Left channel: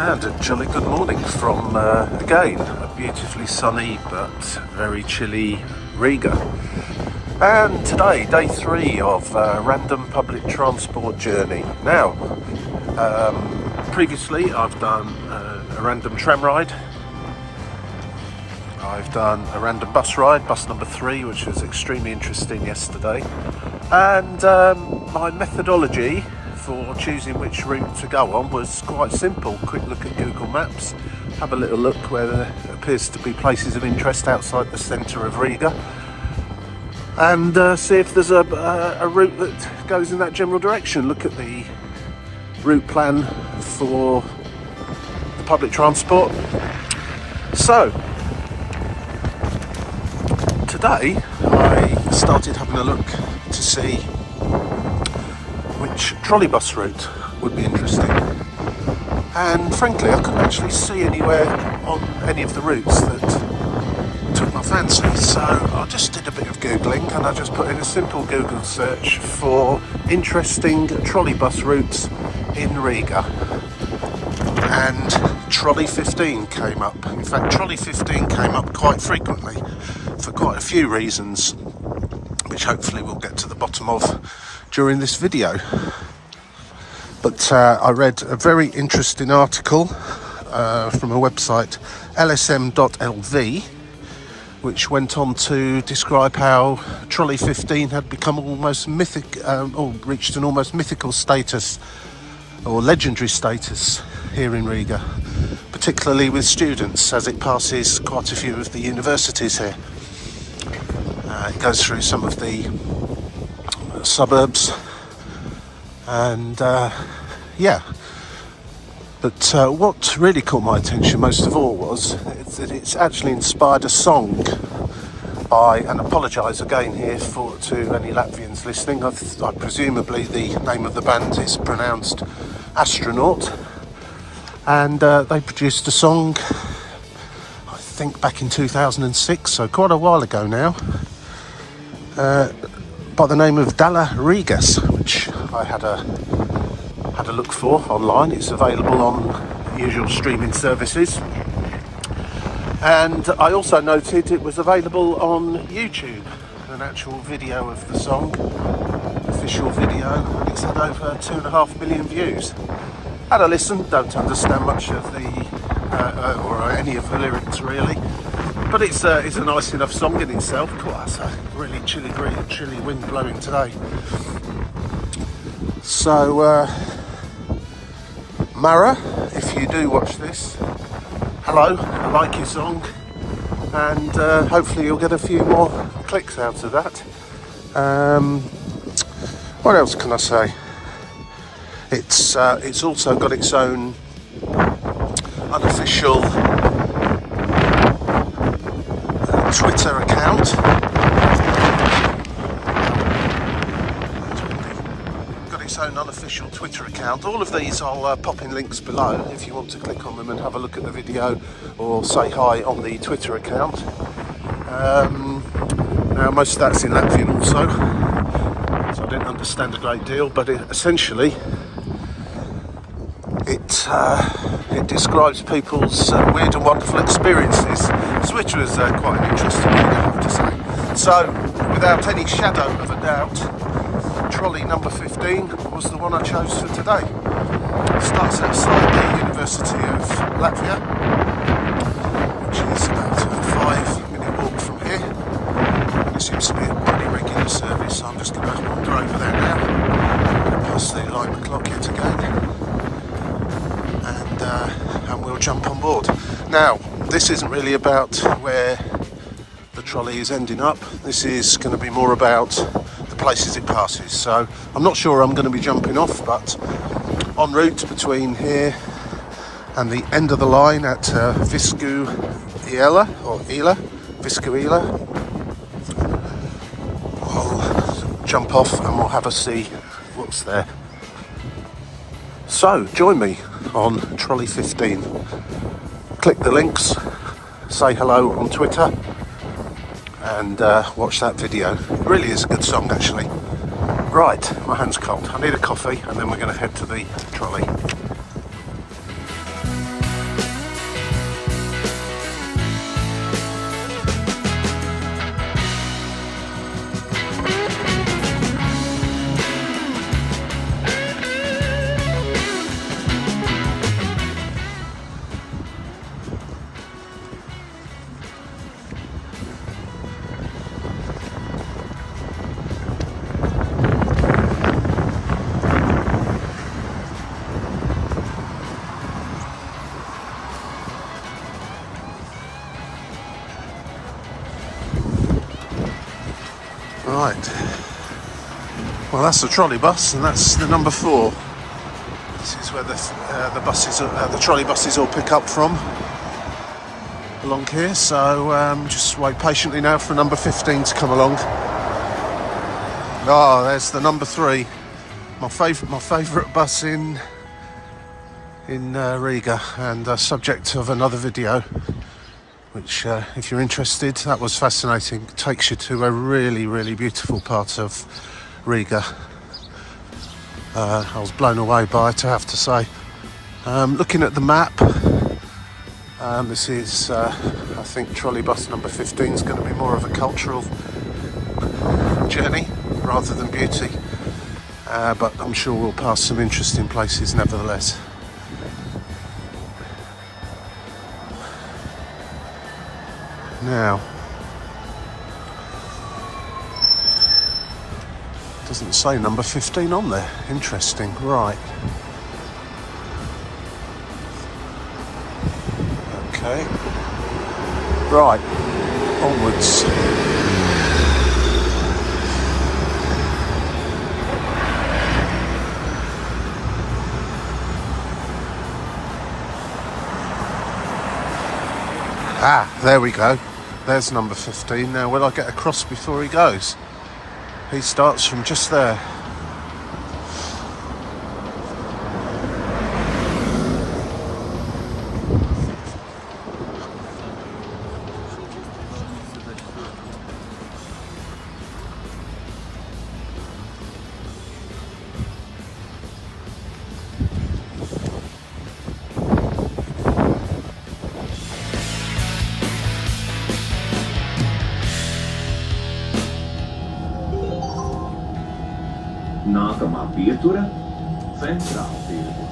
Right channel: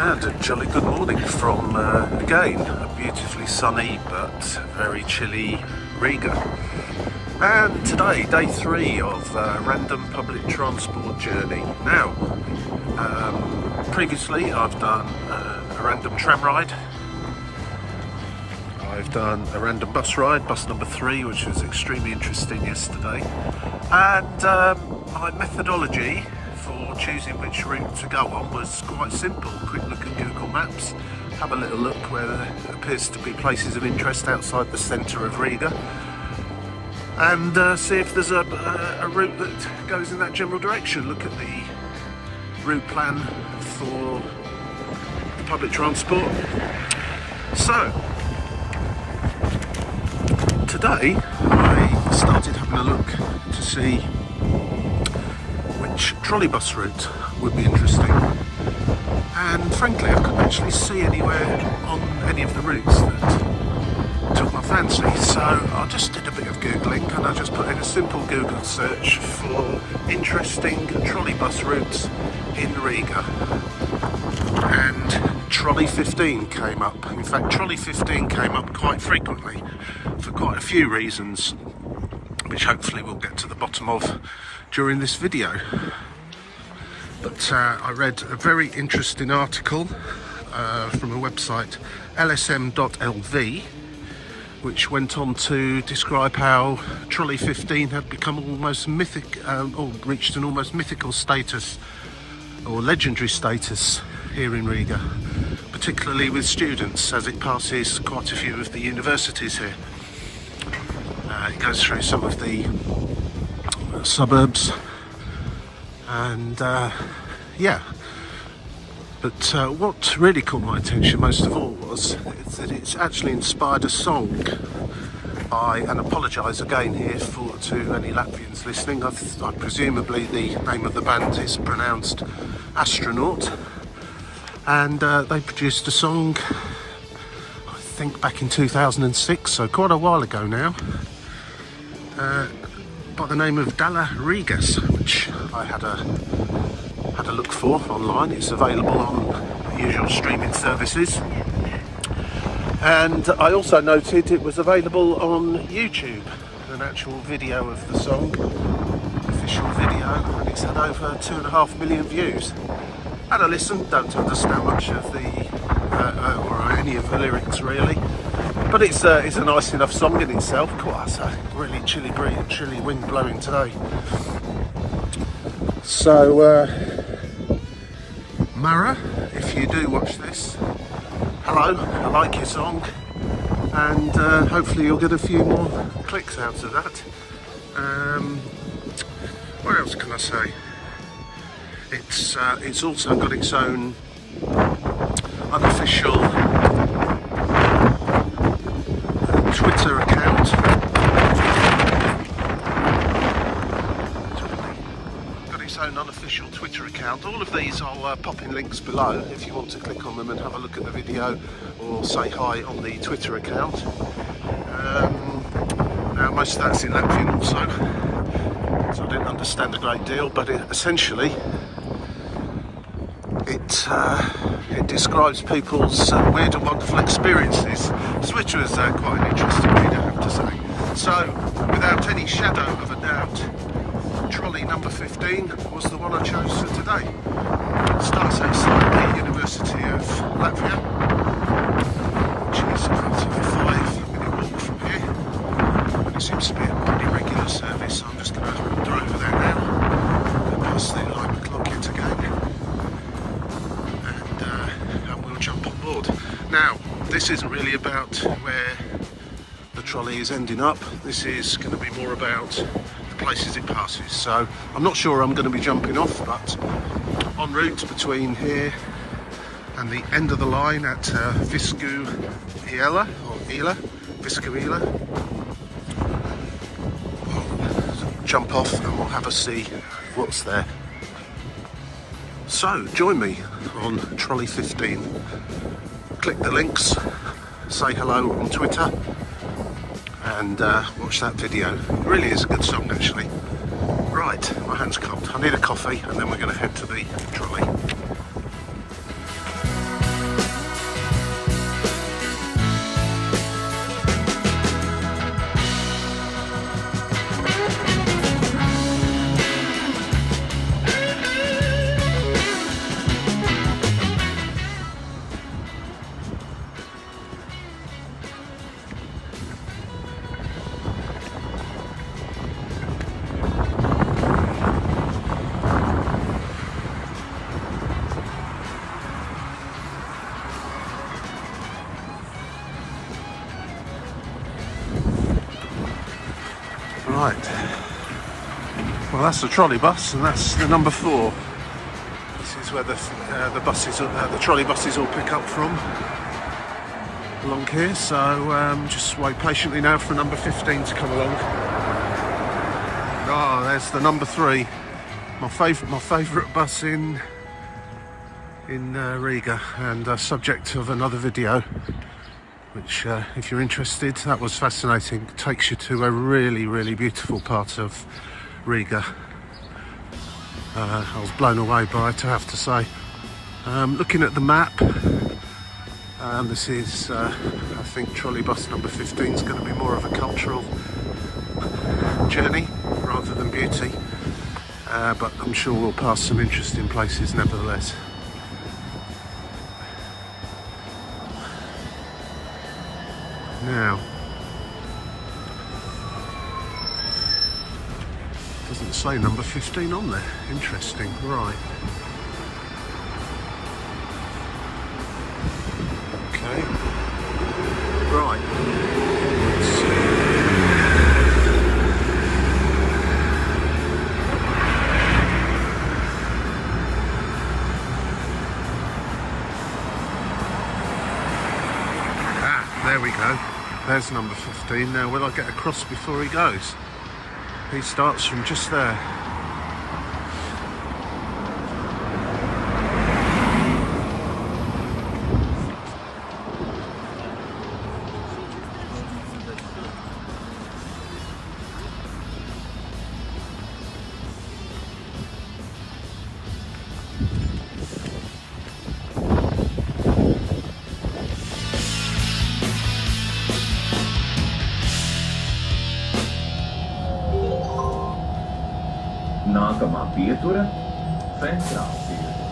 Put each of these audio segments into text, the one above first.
And a jolly good morning from, again, a beautifully sunny but very chilly Riga. And today, day 3 of a random public transport journey. Now, previously I've done a random tram ride. I've done a random bus ride, bus number 3, which was extremely interesting yesterday. And my methodology for choosing which route to go on was quite simple. Quick look at Google Maps, have a little look where there appears to be places of interest outside the centre of Riga, and see if there's a route that goes in that general direction. Look at the route plan for the public transport. So today I started having a look to see which trolleybus route would be interesting, and frankly I couldn't actually see anywhere on any of the routes that took my fancy, so I just did a bit of googling and I just put in a simple Google search for interesting trolleybus routes in Riga, and Trolley 15 came up. In fact, Trolley 15 came up quite frequently for quite a few reasons, which hopefully we'll get to the bottom of during this video. But I read a very interesting article from a website, lsm.lv, which went on to describe how Trolley 15 had become almost mythic, or reached an almost mythical status, or legendary status here in Riga, particularly with students, as it passes quite a few of the universities here. It goes through some of the suburbs, and yeah, but what really caught my attention most of all was that it's actually inspired a song by, and apologise again here to any Latvians listening, I presumably the name of the band is pronounced Astronaut, and they produced a song I think back in 2006, so quite a while ago now, by the name of Dala Rīgas, which I had a look for online. It's available on the usual streaming services, and I also noted it was available on YouTube, an actual video of the song, official video, and it's had over 2.5 million views. Had a listen, don't understand much of the or any of the lyrics really, but it's a nice enough song in itself. Quite a really chilly wind blowing today. So Mara, if you do watch this, hello, I like your song, and hopefully you'll get a few more clicks out of that. What else can I say? It's also got its own unofficial Twitter account. Got its own unofficial Twitter account. All of these I'll pop in links below if you want to click on them and have a look at the video or say hi on the Twitter account. Now most of that's in Latvian also, so I didn't understand a great deal, but essentially it describes people's weird and wonderful experiences, which was quite an interesting read, I have to say. So, without any shadow of a doubt, Trolley number 15 was the one I chose for today. It starts outside the University of Latvia, which is about a 5-minute walk from here. It seems to be a pretty regular service, so I'm just going to wander over there now, past the alarm clock yet again, and we'll jump on board. Now, this isn't really about where the trolley is ending up. This is going to be more about the places it passes. So I'm not sure I'm going to be jumping off, but en route between here and the end of the line at Viskuila, I'll jump off and we'll have a see what's there. So join me on Trolley 15. Click the links, say hello on Twitter, and watch that video. It really is a good song actually. Right, my hand's cold. I need a coffee and then we're going to head to the trolley. Right. Well, that's the trolleybus, and that's the number 4. This is where the trolleybuses all pick up from, along here. So just wait patiently now for number 15 to come along. Ah, there's the number 3. My favourite bus in Riga, and subject of another video, which if you're interested, that was fascinating. It takes you to a really, really beautiful part of Riga. I was blown away by it, I have to say. Looking at the map, this is I think trolleybus number 15 is going to be more of a cultural journey rather than beauty, but I'm sure we'll pass some interesting places nevertheless. Now, doesn't say number 15 on there. Interesting. Right. Okay. Right. Onwards. Ah, there we go. There's number 15. Now, will I get across before he goes? He starts from just there. Nākamā pietura - Centrāltirgus.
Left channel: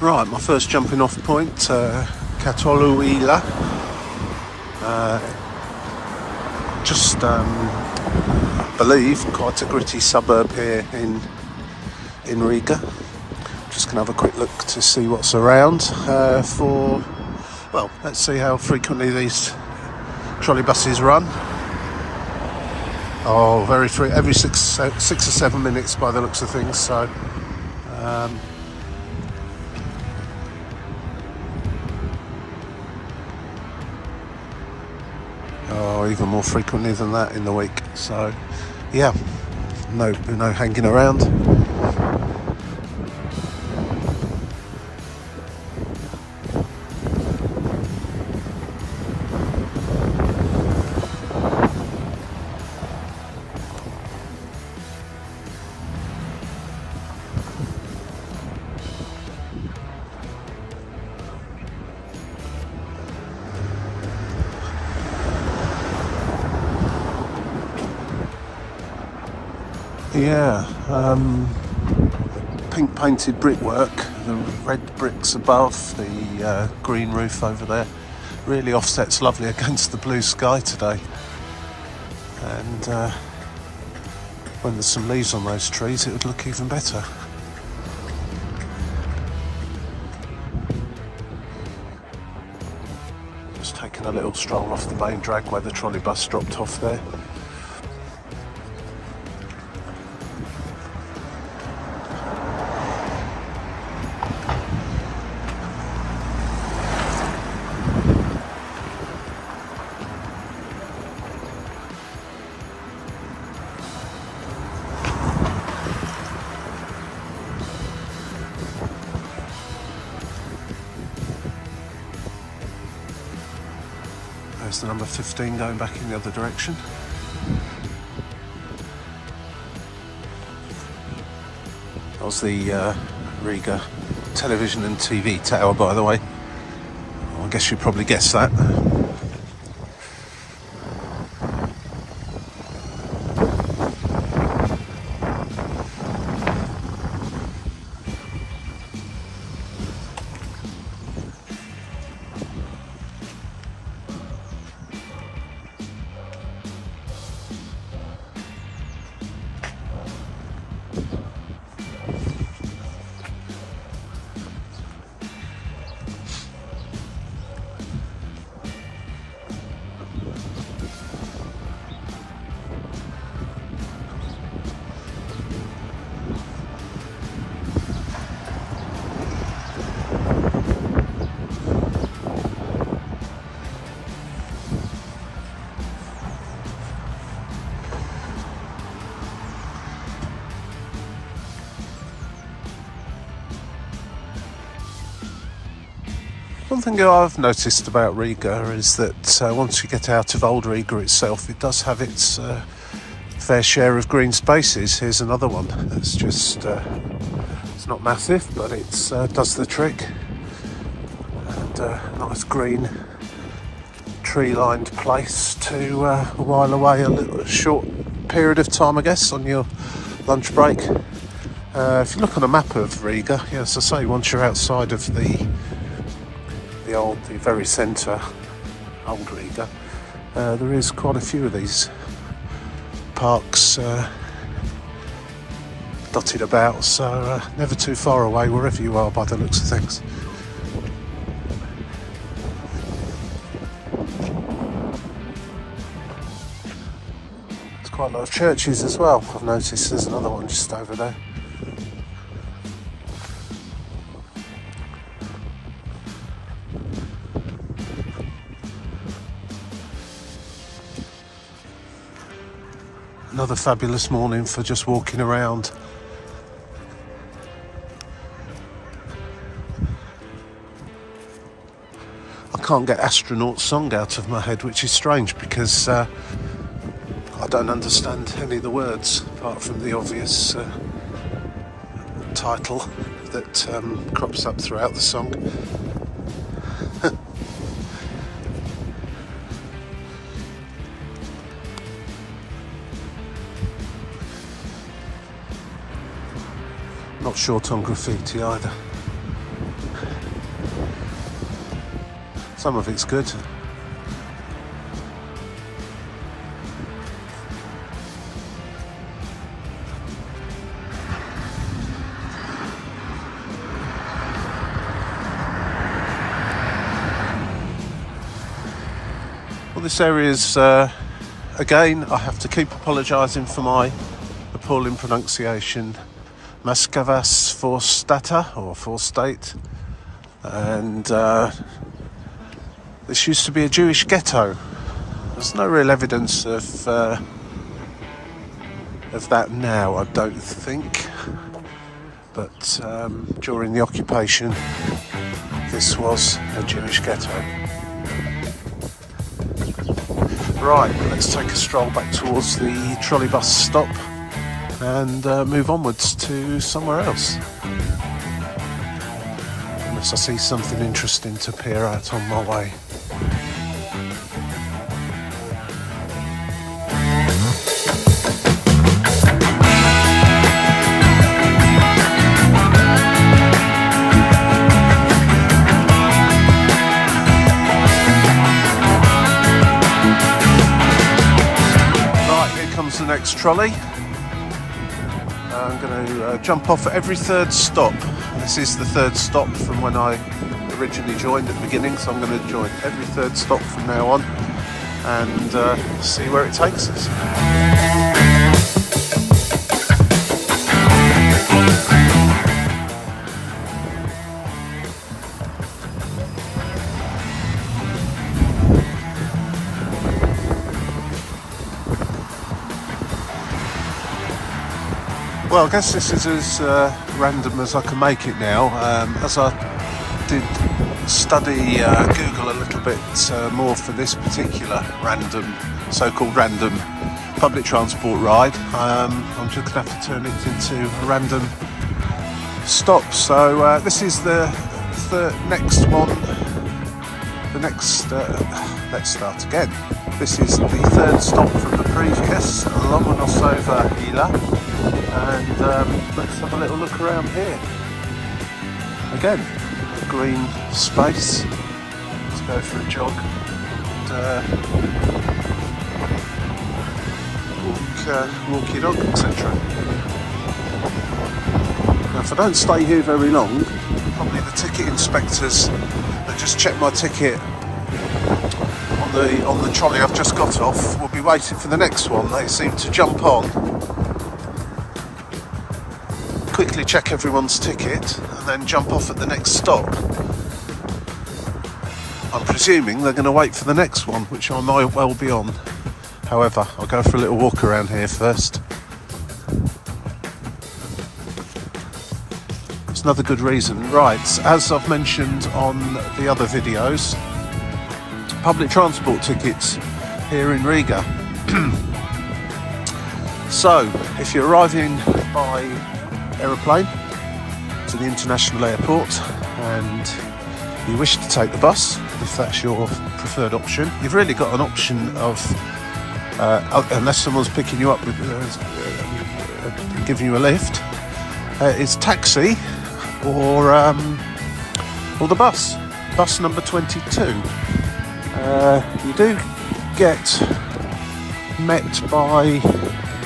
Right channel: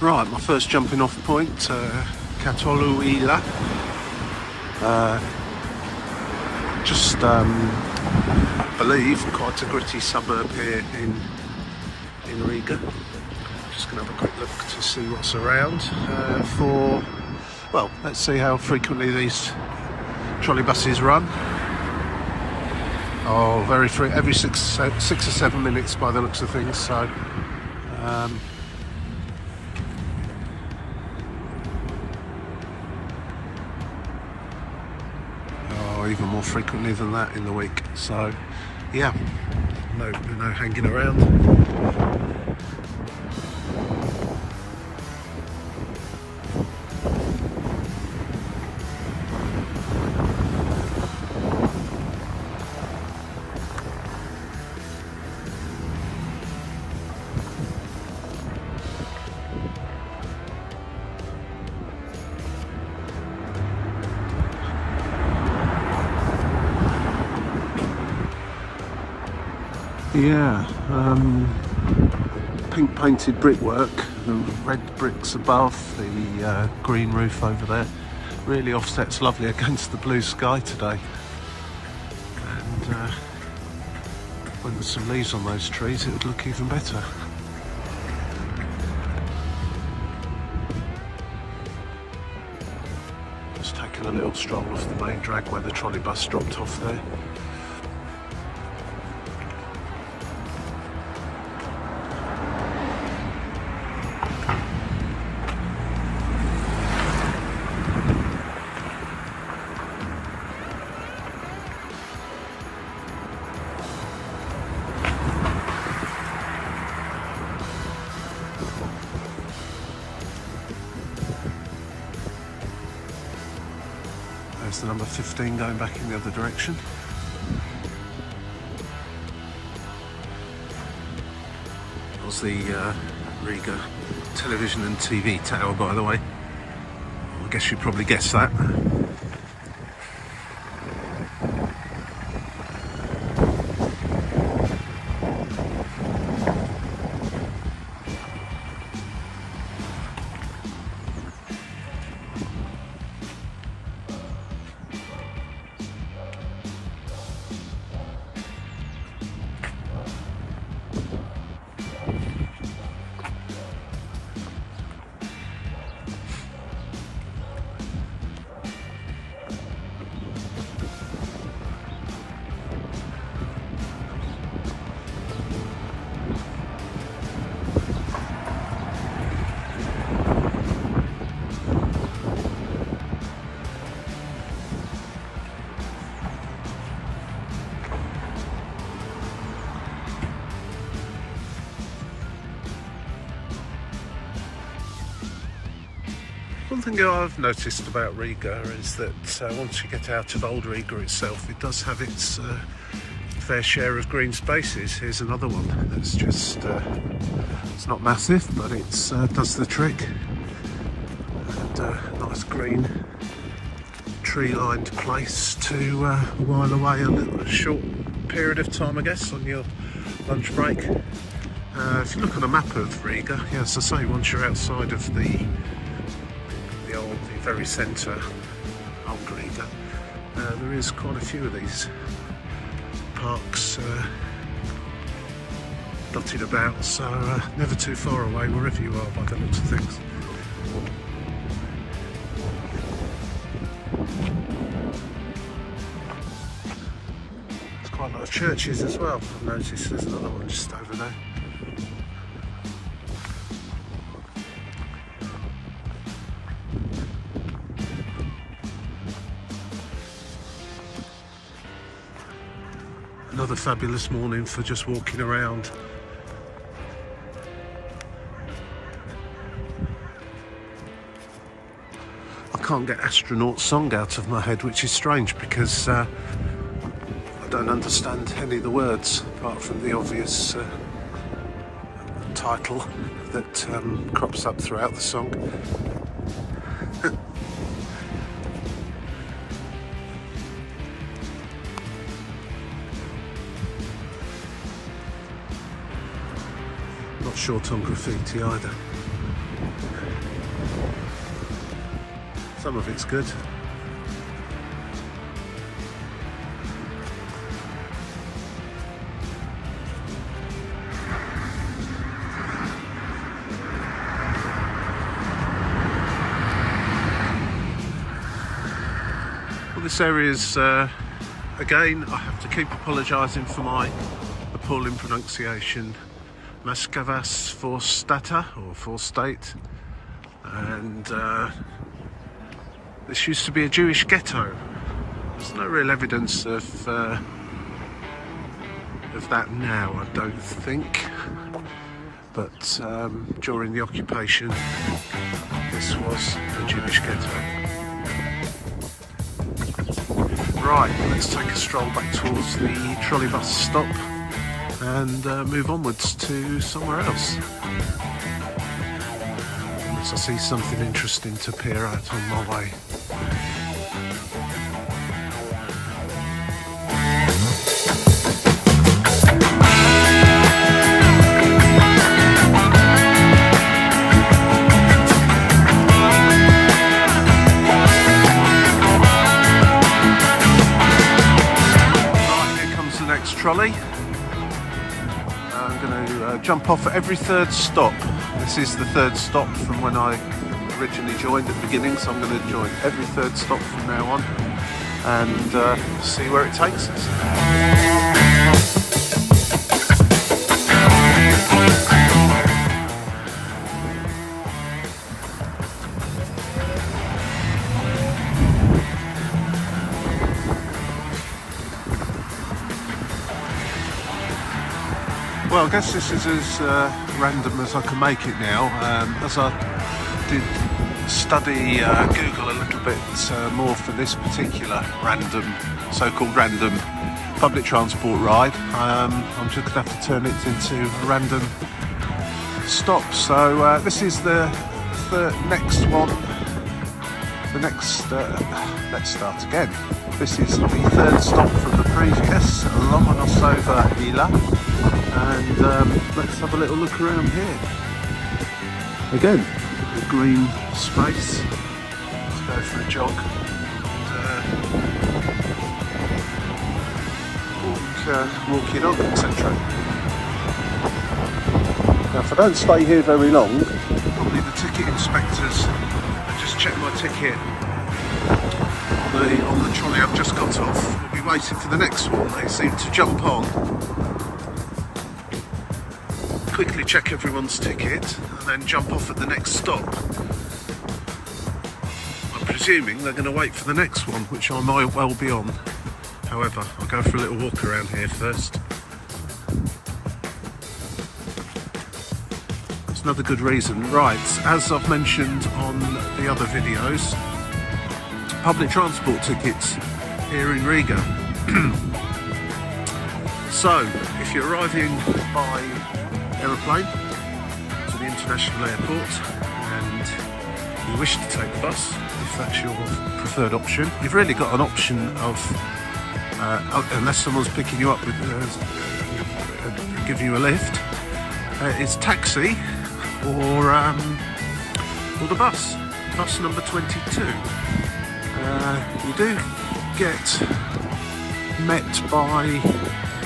Right, my first jumping off point, Trolleybuses. Just, I believe, quite a gritty suburb here in Riga. Just going to have a quick look to see what's around well, let's see how frequently these trolleybuses run. Oh, every six or 7 minutes by the looks of things, so even more frequently than that in the week. So yeah, no hanging around. Yeah, pink painted brickwork, the red bricks above, the green roof over there, really offsets lovely against the blue sky today. And when there's some leaves on those trees, it would look even better. Just taking a little stroll off the main drag where the trolleybus dropped off there. There's the number 15 going back in the other direction. That was the Riga television and TV tower, by the way. Well, I guess you probably guessed that. one thing I've noticed about Riga is that once you get out of Old Riga itself, it does have its fair share of green spaces. Here's another one that's just, it's not massive, but it does the trick. And nice green tree-lined place to while away a short period of time, I guess, on your lunch break. If you look on a map of Riga, yeah, as I say, once you're outside of the very centre, Old Riga, there is quite a few of these parks dotted about, so never too far away wherever you are by the looks of things. There's quite a lot of churches as well. I've noticed there's another one just over there. Another fabulous morning for just walking around. I can't get Astronaut Song out of my head, which is strange because I don't understand any of the words apart from the obvious title that crops up throughout the song. Not short on graffiti either. Some of it's good. Well, this area is, again, I have to keep apologising for my appalling pronunciation. Maskavas Forstata, or Forstate, and this used to be a Jewish ghetto. There's no real evidence of that now, I don't think, but during the occupation this was a Jewish ghetto. Right, let's take a stroll back towards the trolleybus stop and move onwards to somewhere else. Unless I see something interesting to peer out on my way. Right, here comes the next trolley. I'm going to jump off at every third stop. This is the third stop from when I originally joined at the beginning, so I'm going to join every third stop from now on and see where it takes us. Well, I guess this is as random as I can make it now. As I did study Google a little bit more for this particular so-called random public transport ride, I'm just going to have to turn it into a random stop. So this is the next one. Let's start again. This is the third stop from the previous, Lomonosova Hila. And let's have a little look around here. Again, the green space. Let's go for a jog and walk your dog, etc. Now, if I don't stay here very long, probably the ticket inspectors that just checked my ticket on the trolley I've just got off will be waiting for the next one. They seem to jump on, quickly check everyone's ticket and then jump off at the next stop. I'm presuming they're going to wait for the next one, which I might well be on. However, I'll go for a little walk around here first. It's another good reason. Right, as I've mentioned on the other videos, public transport tickets here in Riga. So, if you're arriving by aeroplane to the international airport and you wish to take the bus, if that's your preferred option, you've really got an option of, unless someone's picking you up with, giving you a lift, it's taxi or the bus number 22. You do get met by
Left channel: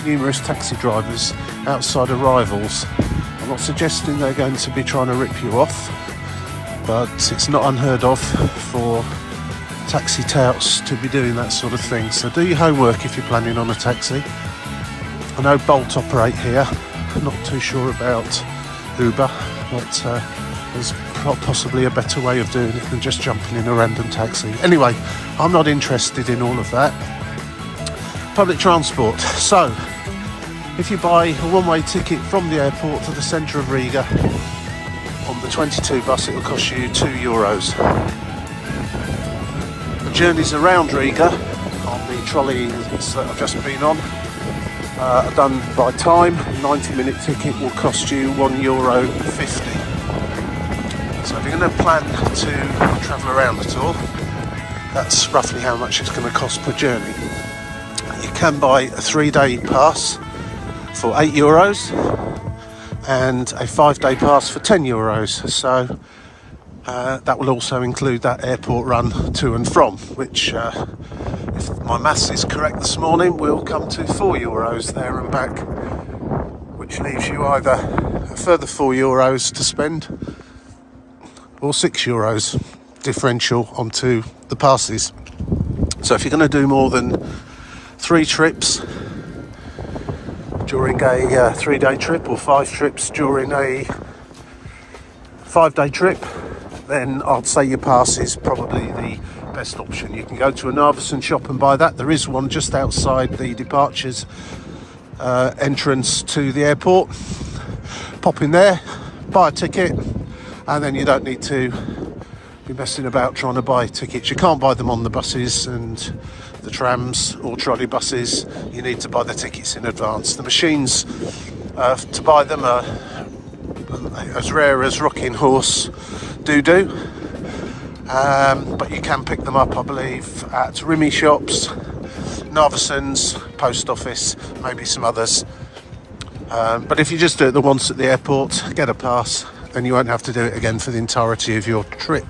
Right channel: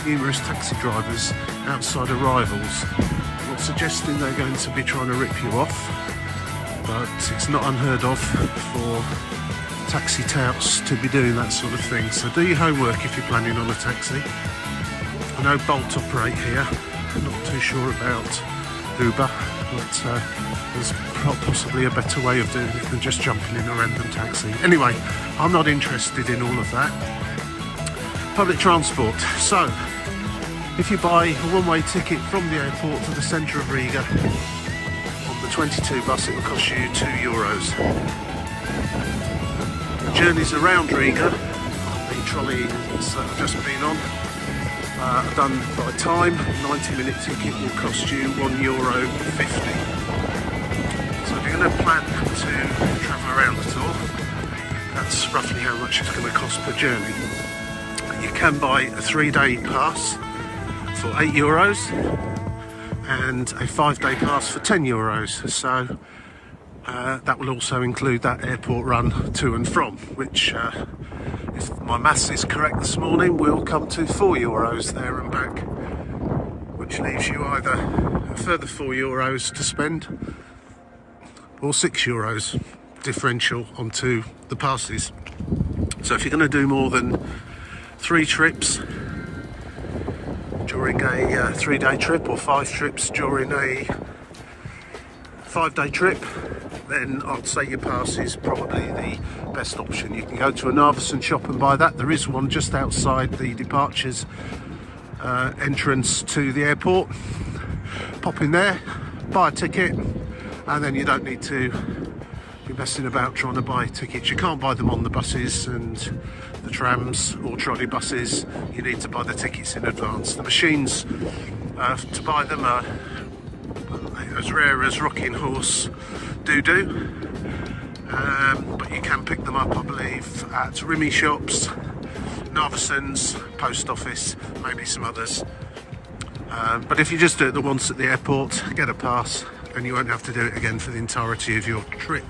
numerous taxi drivers outside arrivals. I'm not suggesting they're going to be trying to rip you off, but it's not unheard of for taxi touts to be doing that sort of thing. So do your homework if you're planning on a taxi. I know Bolt operate here. I'm not too sure about Uber, but there's possibly a better way of doing it than just jumping in a random taxi. Anyway, I'm not interested in all of that. Public transport. So, if you buy a one-way ticket from the airport to the centre of Riga on the 22 bus, it will cost you €2. The journeys around Riga on the trolleys that I've just been on are done by time. A 90-minute ticket will cost you €1.50. So if you're going to plan to travel around at all, that's roughly how much it's going to cost per journey. You can buy a 3-day pass for €8 and a 5-day pass for €10. So that will also include that airport run to and from, which, if my maths is correct this morning, will come to €4 there and back, which leaves you either a further €4 to spend or €6 differential onto the passes. So if you're going to do more than 3 trips during a 3-day trip, or 5 trips during a 5-day trip, then I'd say your pass is probably the best option. You can go to a Narvesen shop and buy that. There is one just outside the departures entrance to the airport. Pop in there, buy a ticket, and then you don't need to be messing about trying to buy tickets. You can't buy them on the buses and the trams or trolleybuses. You need to buy the tickets in advance. The machines to buy them are as rare as rocking horse doo-doo, but you can pick them up, I believe, at Rimi shops, Narvesen's, post office, maybe some others. But if you just do it the once at the airport, get a pass, then you won't have to do it again for the entirety of your trip.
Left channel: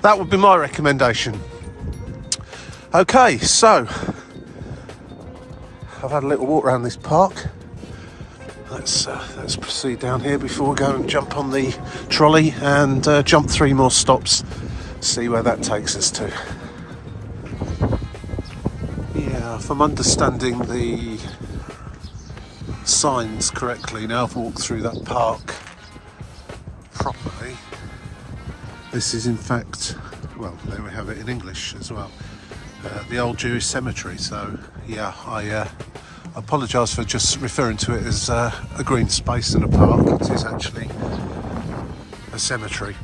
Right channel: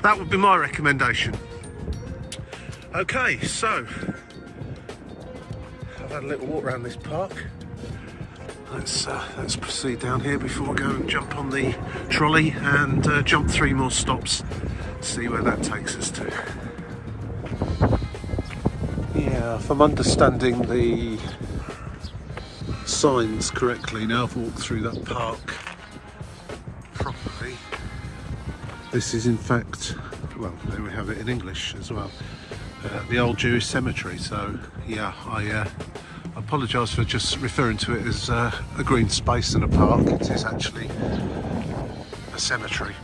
That would be my recommendation. Okay, so I've had a little walk around this park. Let's proceed down here before we go and jump on the trolley and jump 3 more stops, see where that takes us to. Yeah, if I'm understanding the signs correctly, now I've walked through that park properly, this is in fact, well, there we have it in English as well, the old Jewish cemetery. So yeah, I apologise for just referring to it as a green space and a park. It is actually a cemetery.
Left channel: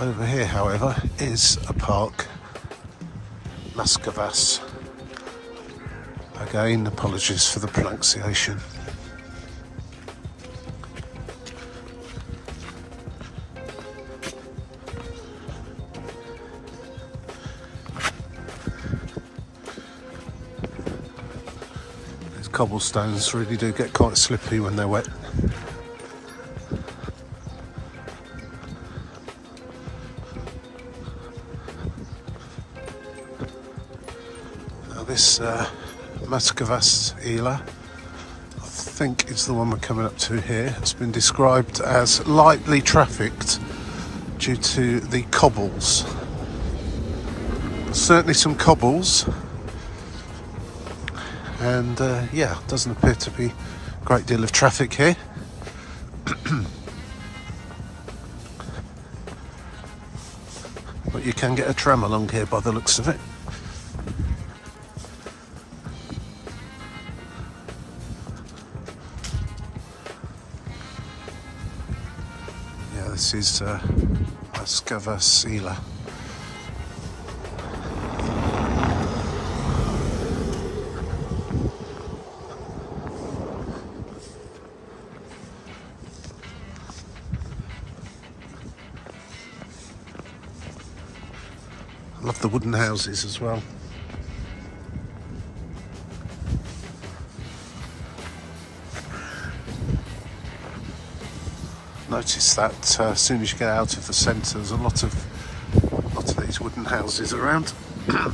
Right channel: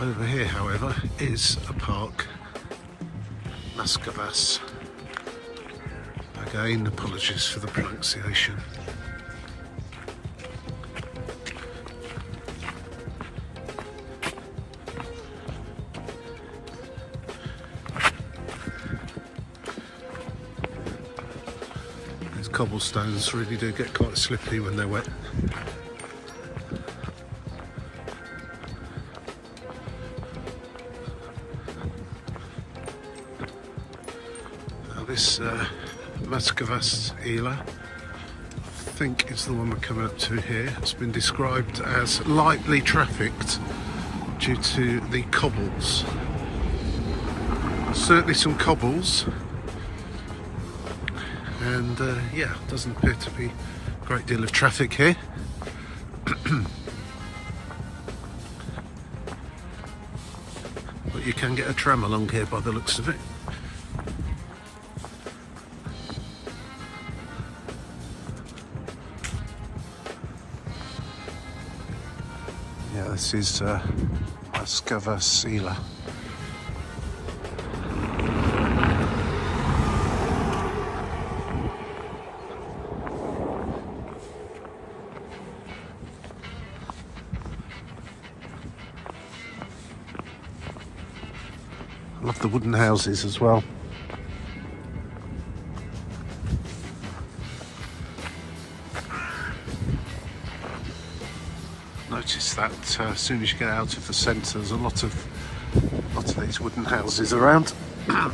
Over here, however, is a park, Maskavas. Again, apologies for the pronunciation. These cobblestones really do get quite slippy when they're wet. This Maskavas Ila, I think is the one we're coming up to here. It's been described as lightly trafficked due to the cobbles. Certainly some cobbles, and yeah, doesn't appear to be a great deal of traffic here. But you can get a tram along here by the looks of it. Yeah, this is Rīgas Satiksme. I love the wooden houses as well. Notice that as soon as you get out of the centre, there's a lot of these wooden houses around. Right,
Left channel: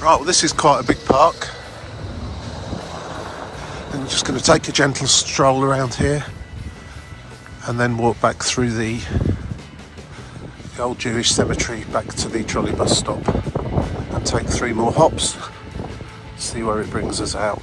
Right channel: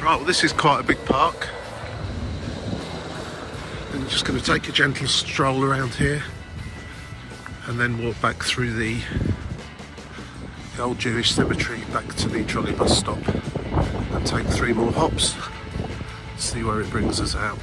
well, this is quite a big park. I'm just going to take a gentle stroll around here and then walk back through the old Jewish cemetery back to the trolleybus stop and take 3 more hops, see where it brings us out.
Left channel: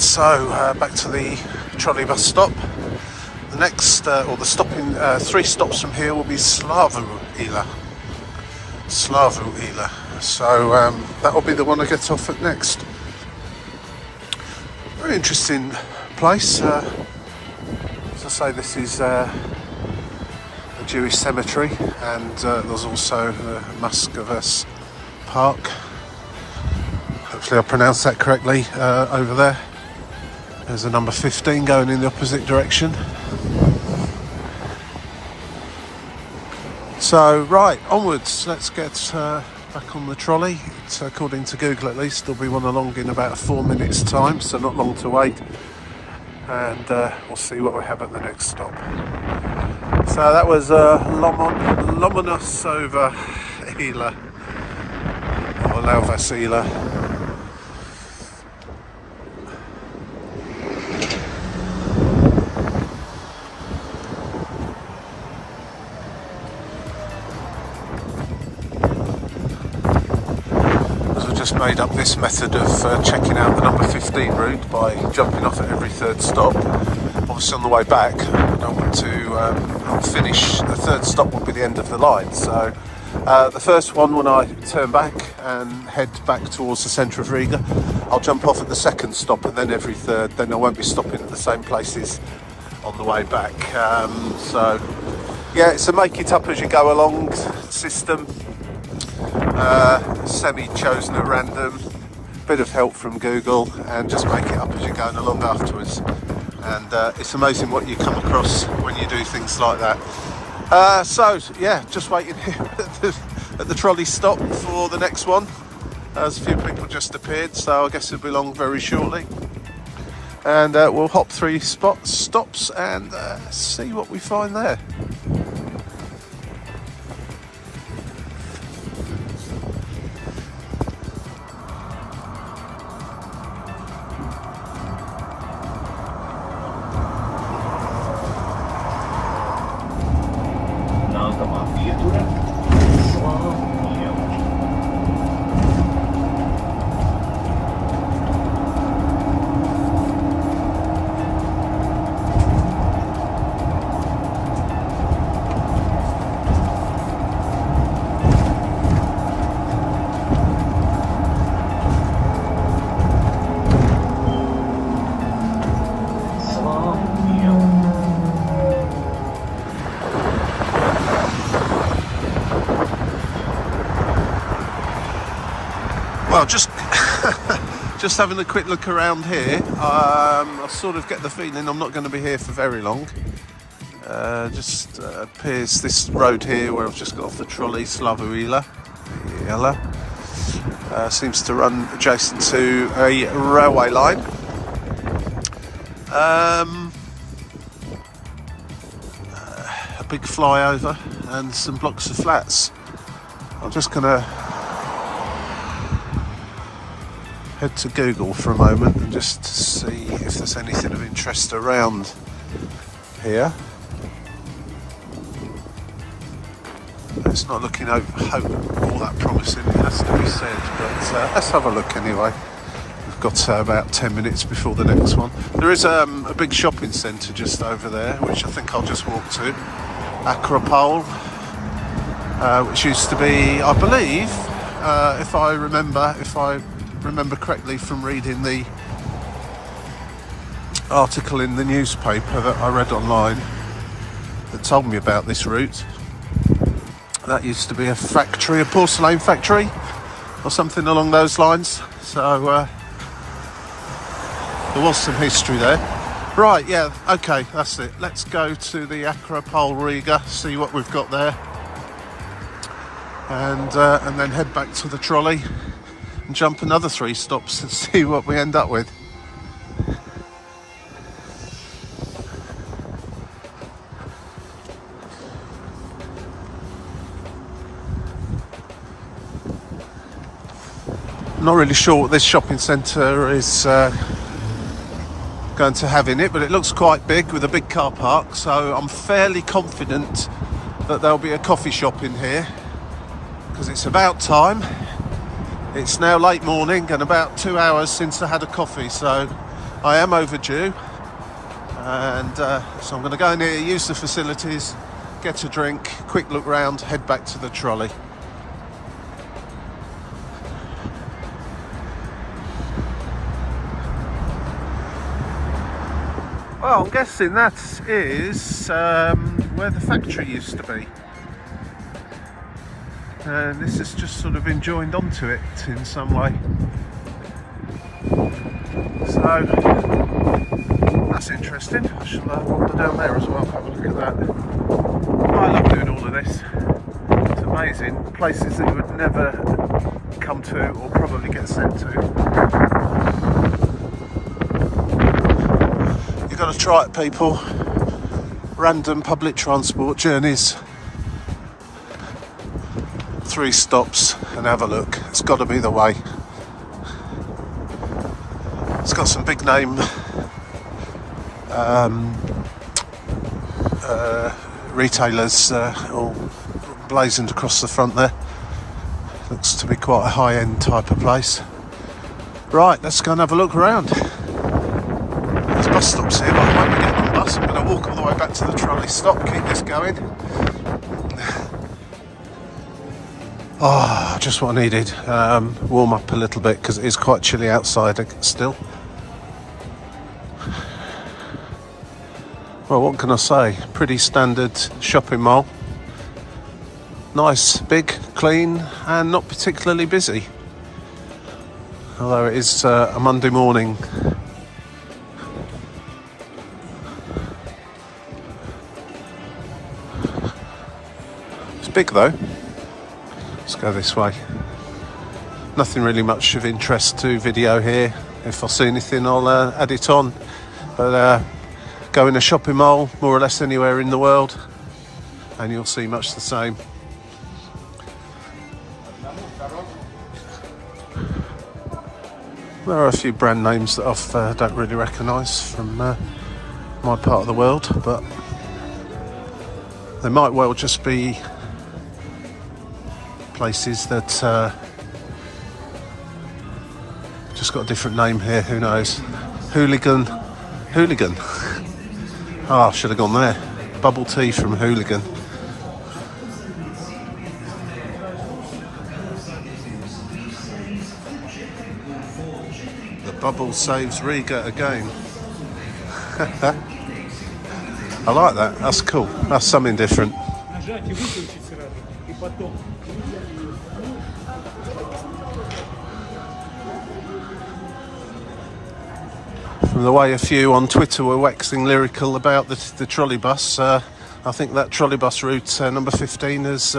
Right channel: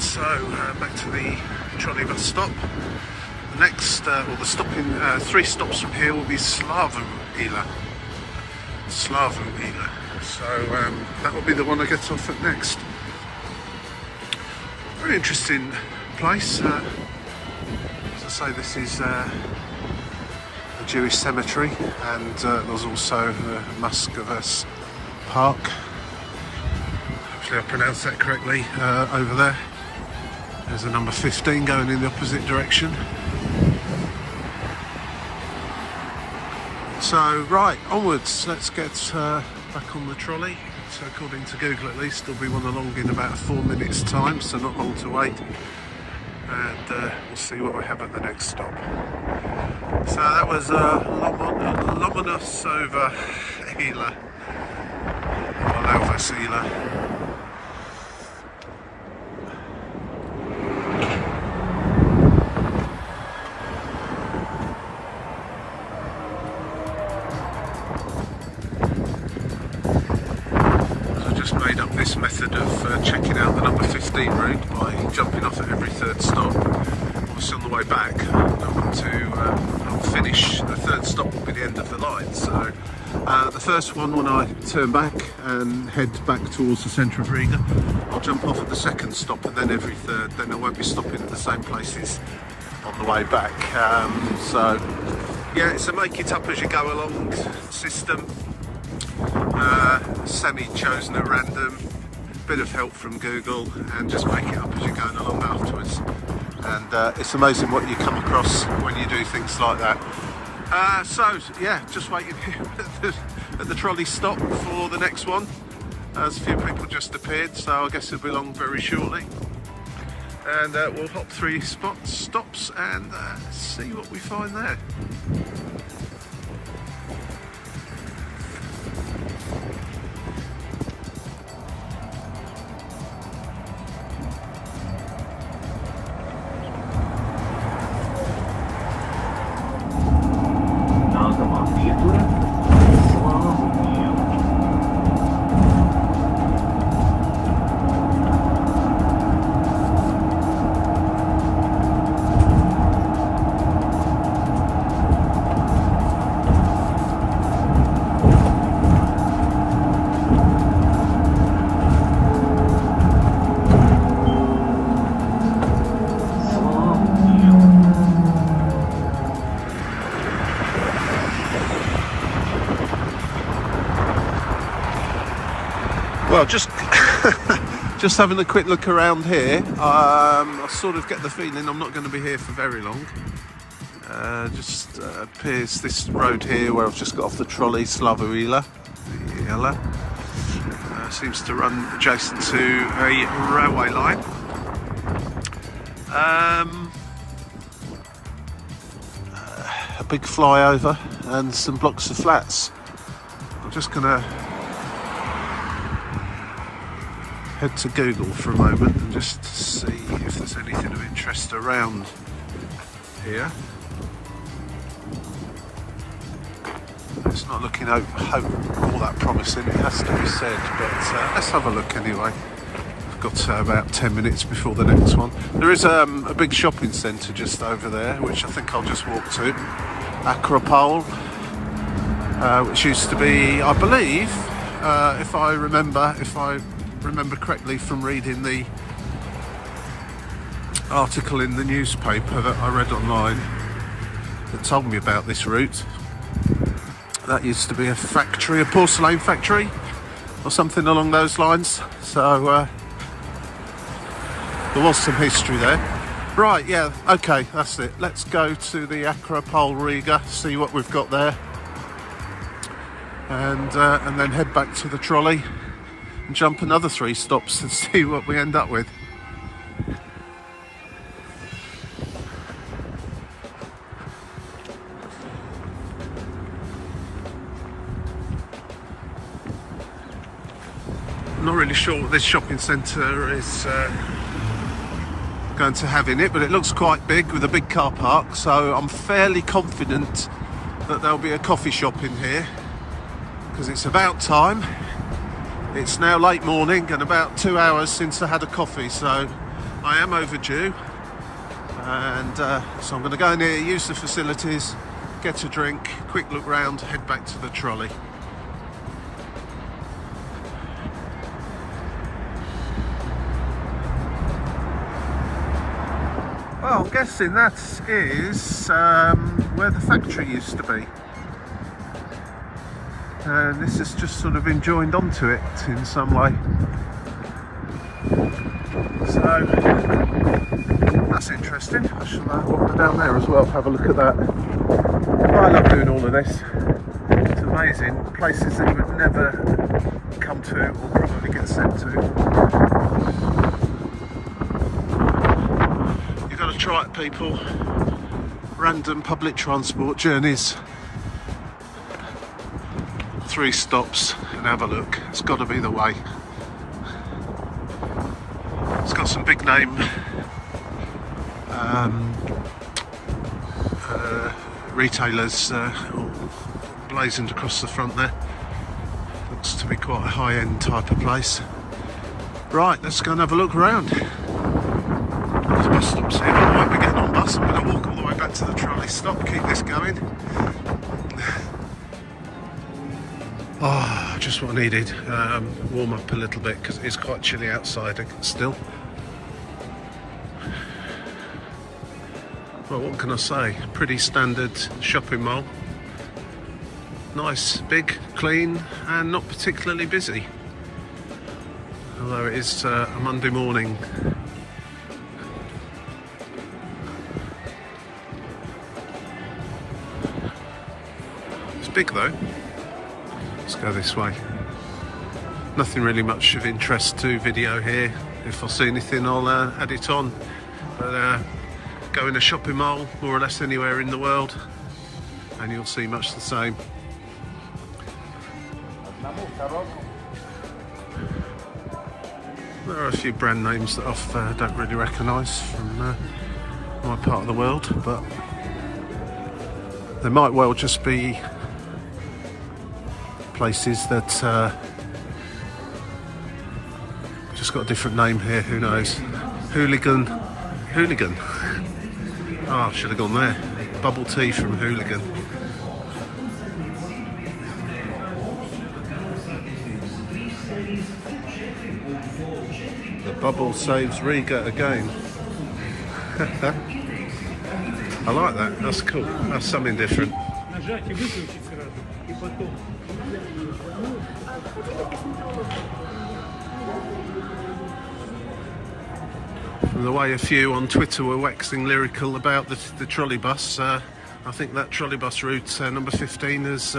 So back to the trolleybus stop. The next, or the stopping, 3 stops from here will be Slavuila. So that will be the one I get off at next. Very interesting place. As I say, this is a Jewish cemetery, and there's also Rīgas Park. Hopefully I pronounced that correctly over there. There's a number 15 going in the opposite direction. So, right, onwards. Let's get back on the trolley. It's, according to Google at least, there'll be one along in about 4 minutes' time, so not long to wait. And we'll see what we have at the next stop. So that was Lomonos over Hila, or Lauvasila. Made up this method of checking out the number 15 route by jumping off at every 3rd stop. Obviously on the way back I want to finish. The 3rd stop will be the end of the line, so the first one, when I turn back and head back towards the centre of Riga, I'll jump off at the 2nd stop, and then every 3rd, then I won't be stopping at the same places on the way back. So yeah, it's a make it up as you go along system. Semi-chosen at random, bit of help from Google, and just make it up as you're going along afterwards. And it's amazing what you come across when you do things like that. So yeah, just waiting here at the trolley stop for the next one. As a few people just appeared, so I guess it'll be along very shortly. And we'll hop 3 stops and see what we find there. Well, just just having a quick look around here. I sort of get the feeling I'm not going to be here for very long. Just appears this road here where I've just got off the trolley, Riga Latvia, seems to run adjacent to a railway line. A big flyover and some blocks of flats. I'm just going to head to Google for a moment and just see if there's anything of interest around here. It's not looking all that promising, it has to be said, but let's have a look anyway. We've got about 10 minutes before the next one. There is a big shopping centre just over there, which I think I'll just walk to. Acropole, which used to be, I believe, if I remember correctly from reading the article in the newspaper that I read online that told me about this route. That used to be a factory, a porcelain factory or something along those lines. So there was some history there. Right, yeah, okay, that's it. Let's go to the Acropole Riga, see what we've got there. And then head back to the trolley and jump another 3 stops and see what we end up with. I'm not really sure what this shopping centre is going to have in it, but it looks quite big with a big car park, so I'm fairly confident that there'll be a coffee shop in here, because it's about time. It's now late morning and about 2 hours since I had a coffee, so I am overdue. And so I'm going to go in here, use the facilities, get a drink, quick look round, head back to the trolley. Well, I'm guessing that is where the factory used to be. And this has just sort of been joined onto it in some way. So, that's interesting. I shall wander down there as well, have a look at that. I love doing all of this. It's amazing. Places that you would never come to or probably get sent to. You've got to try it, people. Random public transport journeys. 3 stops and have a look. It's got to be the way. It's got some big name retailers all blazoned across the front there. Looks to be quite a high-end type of place. Right, let's go and have a look around. There's bus stops here, but I won't be getting on bus. I'm going to walk all the way back to the trolley stop, keep this going. Ah, just what I needed. Warm up a little bit because it is quite chilly outside still. Well, what can I say? Pretty standard shopping mall. Nice, big, clean, and not particularly busy. Although it is a Monday morning. It's big though. Let's go this way. Nothing really much of interest to video here. If I see anything, I'll add it on. But go in a shopping mall, more or less anywhere in the world, and you'll see much the same. There are a few brand names that I don't really recognise from my part of the world, but they might well just be places that just got a different name here, who knows. Hooligan. Oh, I should have gone there. Bubble tea from Hooligan. The bubble saves Riga again. I like that, that's cool. That's something different. From the way a few on Twitter were waxing lyrical about the trolleybus, I think that trolleybus route number 15 has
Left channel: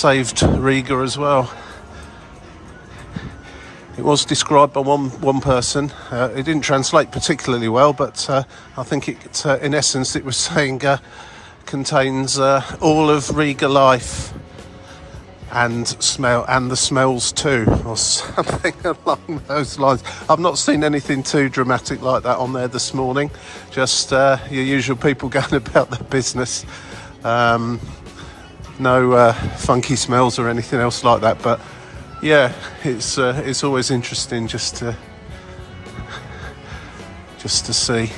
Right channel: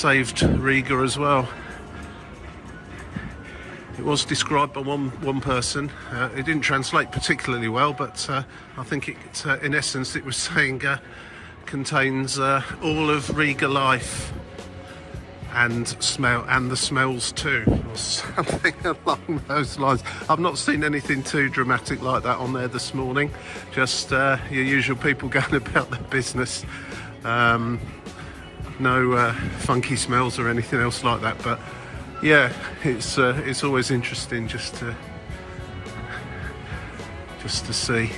saved Riga as well. It was described by one person. It didn't translate particularly well, but I think it, in essence, it was saying contains all of Riga life and the smells too, or something along those lines. I've not seen anything too dramatic like that on there this morning. Just your usual people going about their business. No funky smells or anything else like that. But yeah, it's always interesting just to see.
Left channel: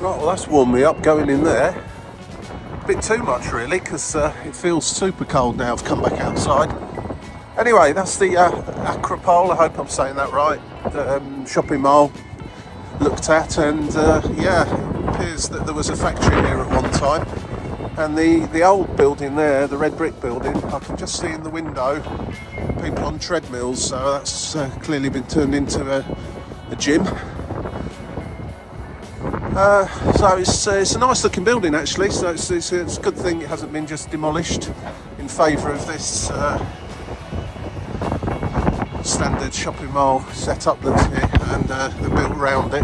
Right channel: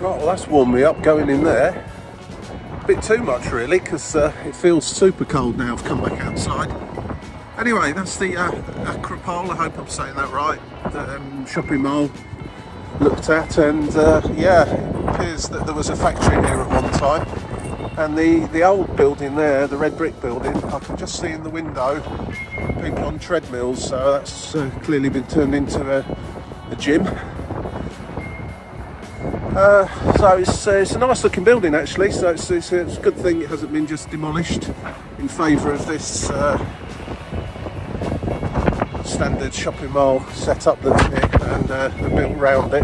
Right, well that's warmed me up going in there. A bit too much really, because it feels super cold now. I've come back outside. Anyway, that's the Acropole, I hope I'm saying that right, shopping mall looked at, and yeah, it appears that there was a factory here at one time. And the old building there, the red brick building, I can just see in the window people on treadmills, so that's clearly been turned into a gym. So it's a nice looking building actually, so it's a good thing it hasn't been just demolished in favour of this standard shopping mall setup that's here, and they're built around it.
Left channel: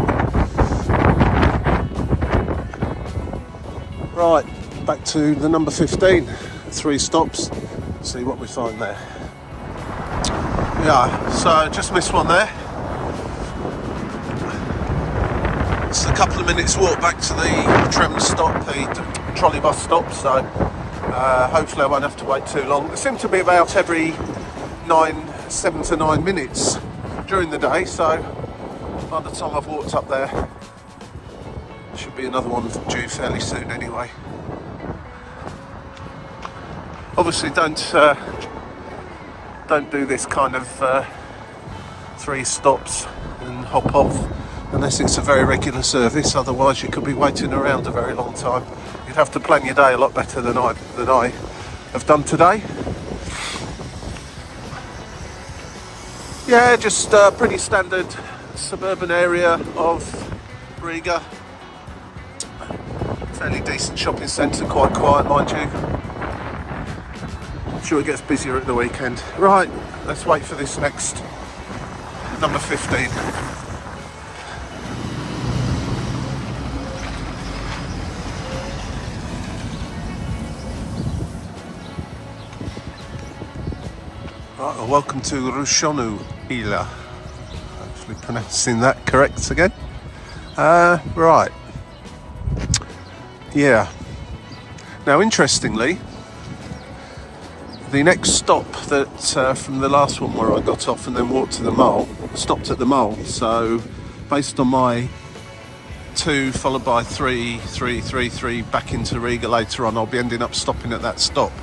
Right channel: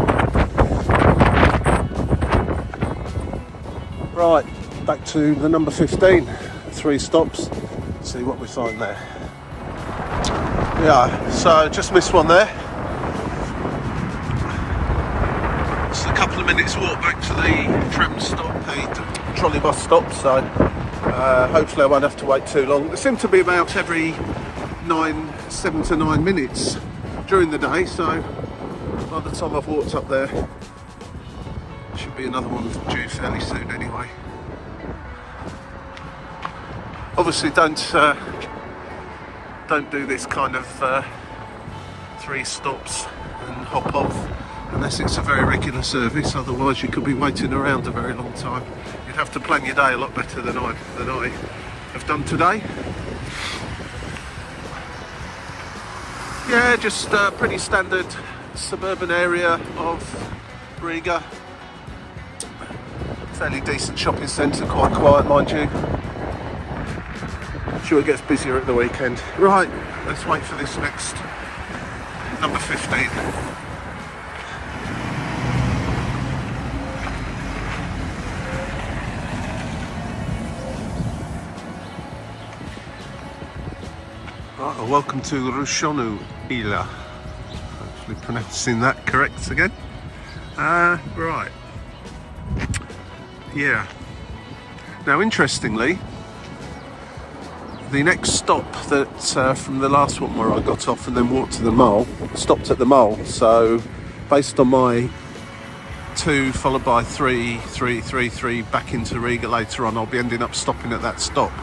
Right, back to the number 15, 3 stops, see what we find there. Yeah, so just missed one there. It's a couple of minutes walk back to the Trams stop, the trolleybus stop, so hopefully I won't have to wait too long. There seem to be about every 7 to 9 minutes during the day, so by the time I've walked up there, should be another one due fairly soon anyway. Obviously don't do this kind of 3 stops and hop off unless it's a very regular service, otherwise you could be waiting around a very long time. You'd have to plan your day a lot better than I have done today. Yeah, just a pretty standard suburban area of Riga. Fairly decent shopping centre, quite quiet mind you. I'm sure it gets busier at the weekend. Right, let's wait for this next number 15. Right, well, welcome to Rushonu Ila. Hopefully pronouncing that correct again. Right. Yeah. Now, interestingly, the next stop that from the last one where I got off and then walked to the mall, stopped at the mall. So, based on my 2 followed by 3 back into Riga later on, I'll be ending up stopping at that stop.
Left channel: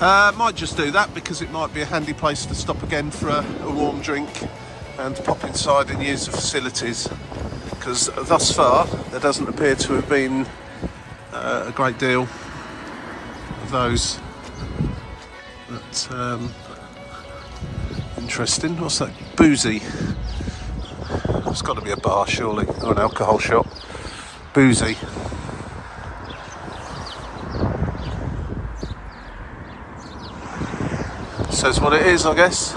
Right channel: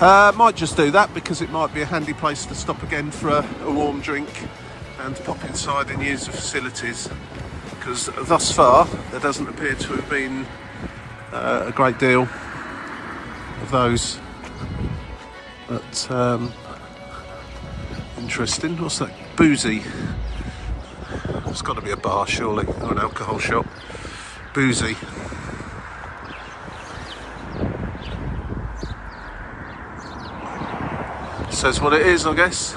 Might just do that because it might be a handy place to stop again for a warm drink and pop inside and use the facilities, because thus far there doesn't appear to have been a great deal of those. But interesting. What's that? Boozy. It's got to be a bar surely, or an alcohol shop. Boozy. Says what it is, I guess.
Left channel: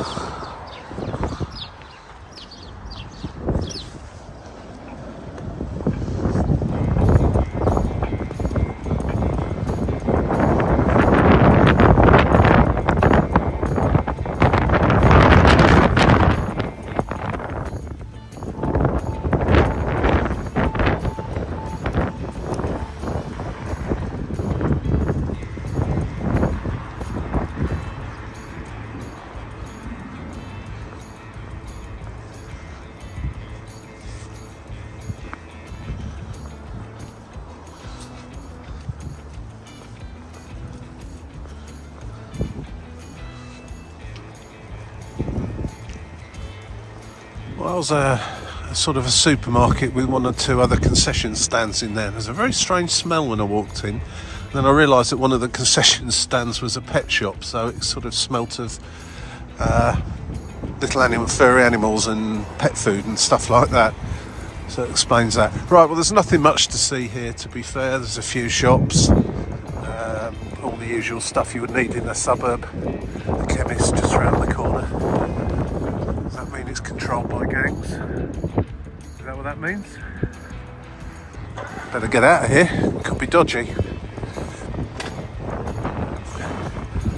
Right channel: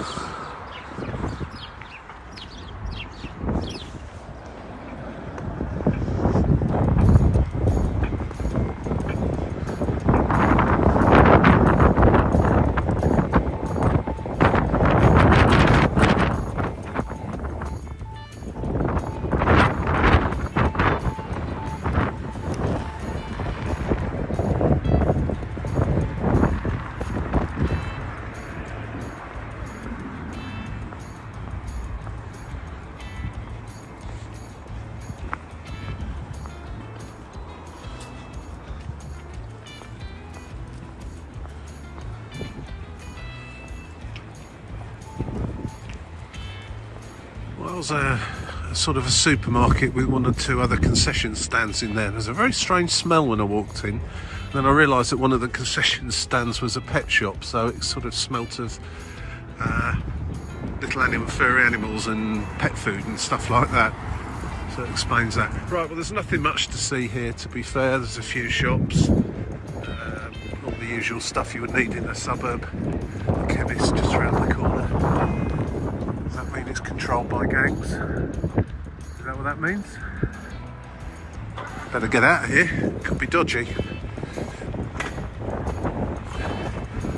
Well, there's a sort of a supermarket with 1 or 2 other concession stands in there. There's a very strange smell when I walked in. Then I realised that one of the concession stands was a pet shop, so it sort of smelt of little furry animals and pet food and stuff like that. So it explains that. Right, well, there's nothing much to see here, to be fair. There's a few shops, all the usual stuff you would need in a suburb. The chemist just round the corner. Does that mean it's controlled by gangs? Is that what that means? Better get out of here. It could be dodgy.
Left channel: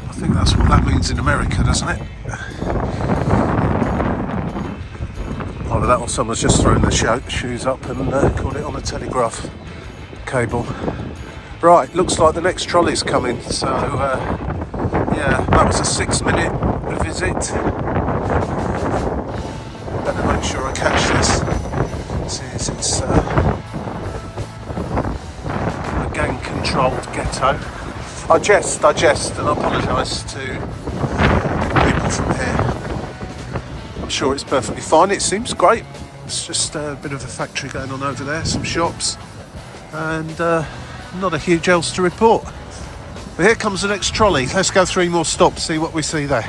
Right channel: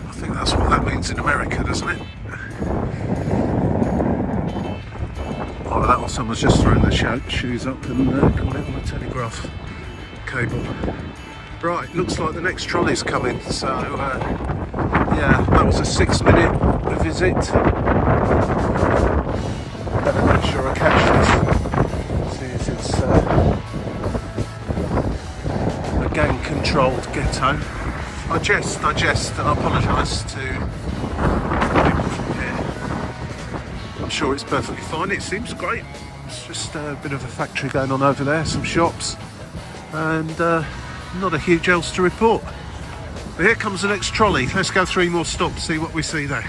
I think that's what that means in America, doesn't it? Oh, that was someone's just thrown their shoes up and got it on a telegraph cable. Right, looks like the next trolley's coming. So, yeah, that was a 6-minute visit. Better make sure I catch this. See, it's a gang-controlled ghetto. I jest, and I apologise to people from here. I'm sure it's perfectly fine. It seems great. It's just a bit of a factory going on over there, some shops, and not a huge else to report. But here comes the next trolley. Let's go 3 more stops, see what we see there.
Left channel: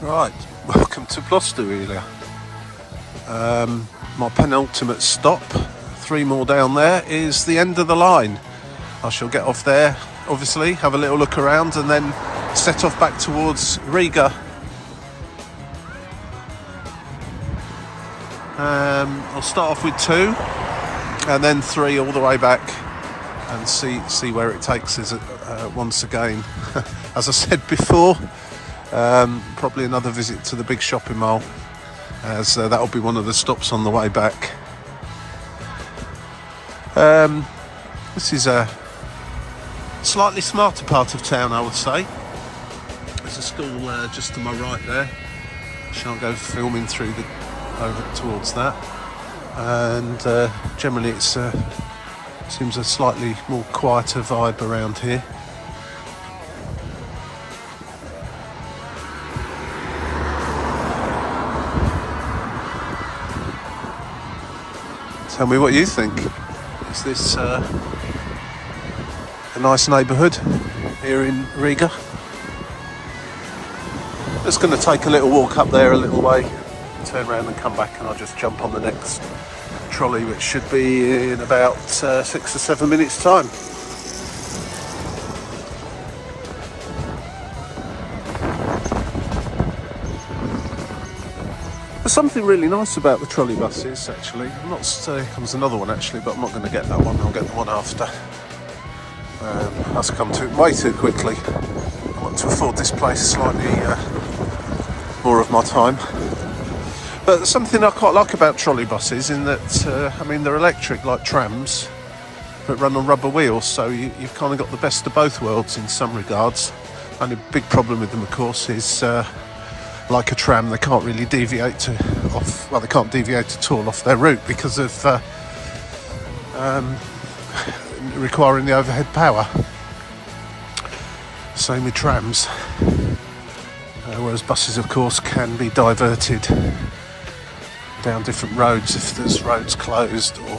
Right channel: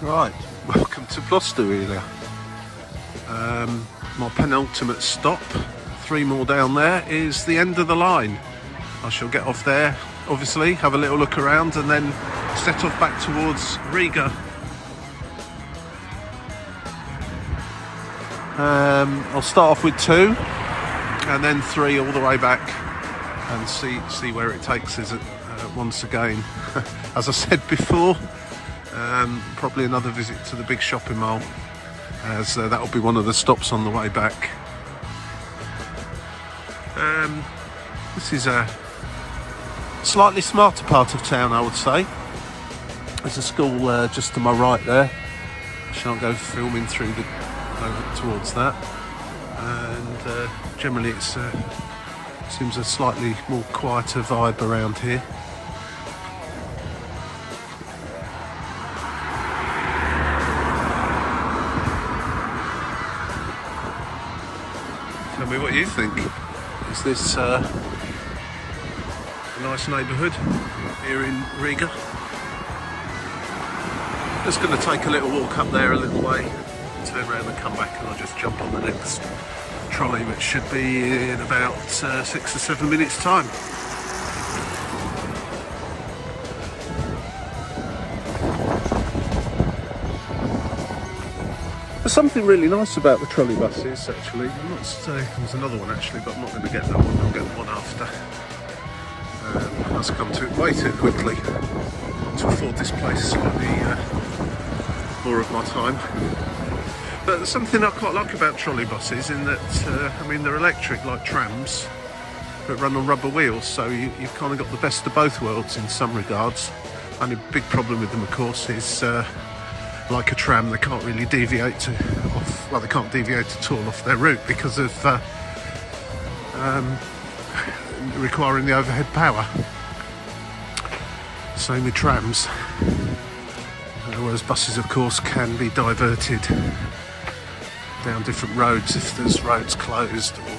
Right, welcome to Gloucester, really. My penultimate stop, 3 more down there, is the end of the line. I shall get off there, obviously, have a little look around and then set off back towards Riga. I'll start off with 2 and then 3 all the way back and see where it takes us once again. As I said before, probably another visit to the big shopping mall, as that'll be one of the stops on the way back. This is a slightly smarter part of town, I would say. There's a school just to my right there. I shan't go filming through over towards that. And generally it seems a slightly more quieter vibe around here. Tell me what you think. Is this a nice neighbourhood here in Riga? Just going to take a little walk up there a little way, turn around and come back, and I'll just jump on the next trolley, which should be in about 6 or 7 minutes time. There's something really nice about the trolley buses, actually. I'm not saying there's another one actually, but I'm not going to get that one. I'll get the one after. That's come to it way too quickly. I want to afford this place slightly more of my time. But there's something I quite like about trolley buses in that, I mean, they're electric like trams, but run on rubber wheels, so you've kind of got the best of both worlds in some regards. Only big problem with them, of course, is like a tram, they can't really deviate they can't deviate at all off their route because of requiring the overhead power. Same with trams. Whereas buses, of course, can be diverted down different roads if there's roads closed or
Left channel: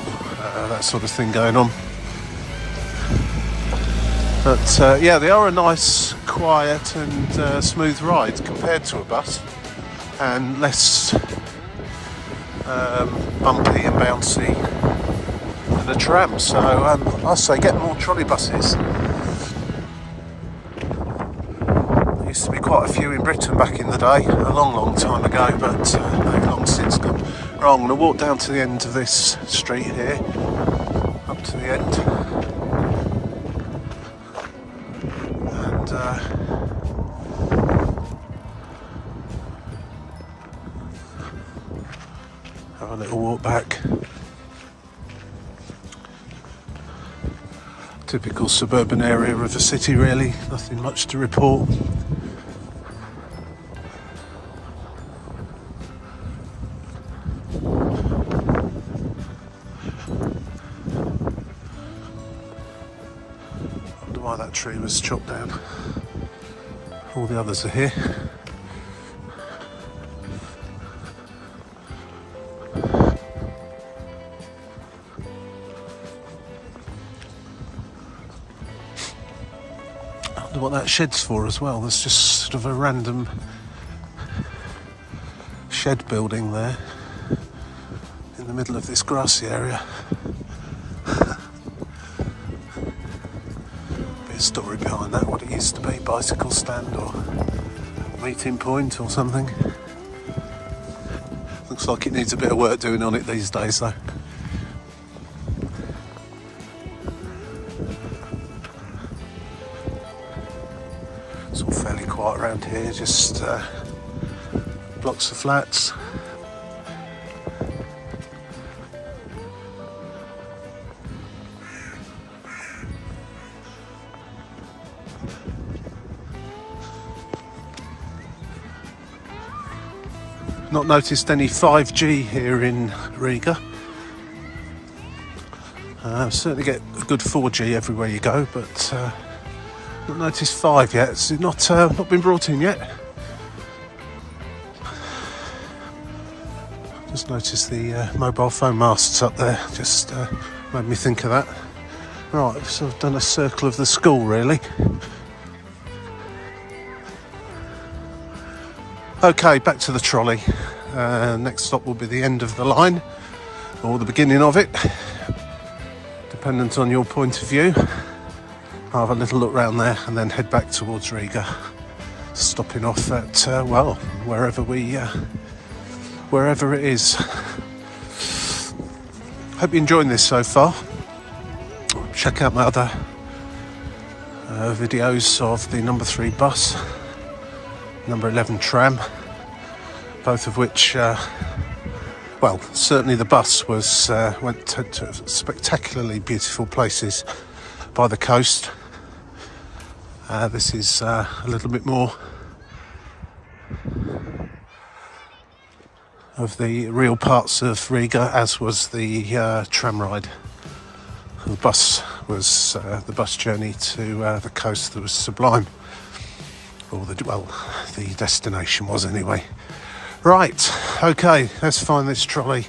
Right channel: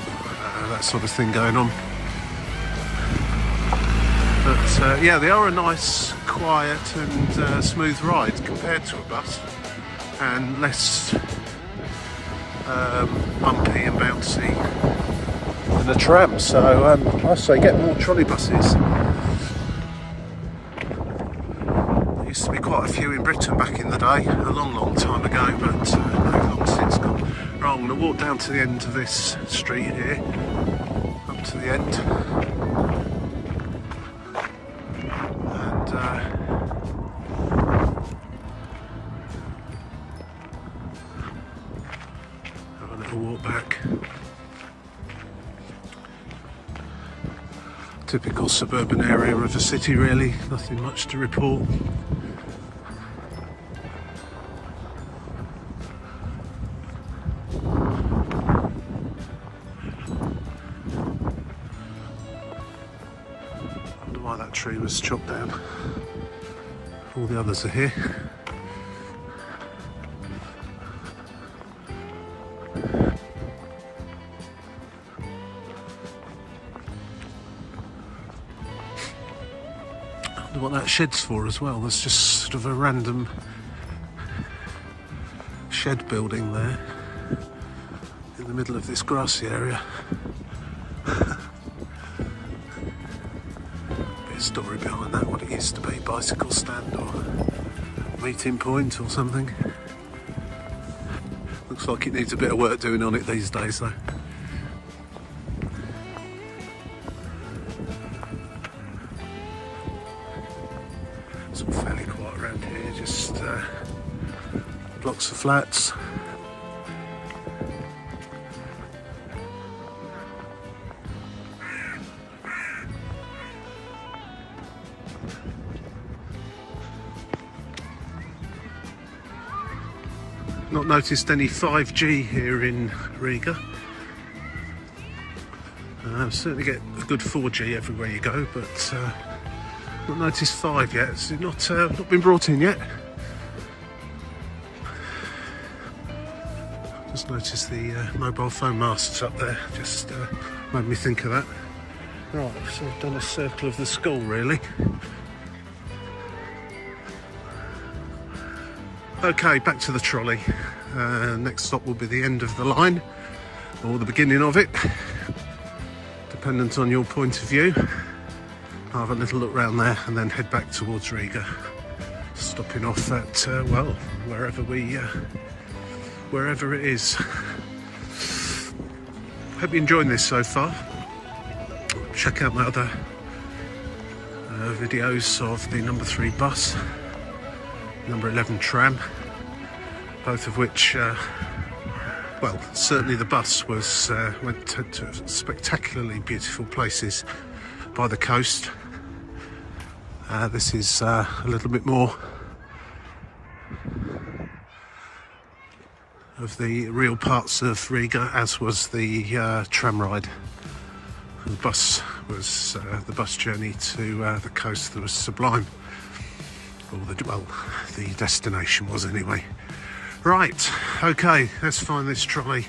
that sort of thing going on. But yeah, they are a nice, quiet and smooth ride compared to a bus, and less bumpy and bouncy than a tram. So I say get more trolley buses. There used to be quite a few in Britain back in the day, a long time ago, but they've long since gone. Right, I'm going to walk down to the end of this street here, up to the end. Have a little walk back. Typical suburban area of the city, really. Nothing much to report. tree was chopped down. All the others are here. I wonder what that shed's for as well. There's just sort of a random shed building there in the middle of this grassy area. Bit of story behind that, what it used to be, bicycle stand or meeting point or something. Looks like it needs a bit of work doing on it these days though. It's all fairly quiet around here, just blocks of flats. Not noticed any 5G here in Riga. Certainly get a good 4G everywhere you go, but not noticed 5 yet. It's not been brought in yet. Just noticed the mobile phone masts up there. Just made me think of that. Right, so I've done a circle of the school really. Okay, back to the trolley. Next stop will be the end of the line, or the beginning of it, dependent on your point of view. I'll have a little look round there and then head back towards Riga, stopping off at, well, wherever it is. Hope you're enjoying this so far. Check out my other videos of the number 3 bus, number 11 tram, both of which, well, certainly the bus was went to spectacularly beautiful places by the coast. This is a little bit more of the real parts of Riga, as was the tram ride. The bus was the bus journey to the coast that was sublime. Or the destination was anyway. Right, okay, let's find this trolley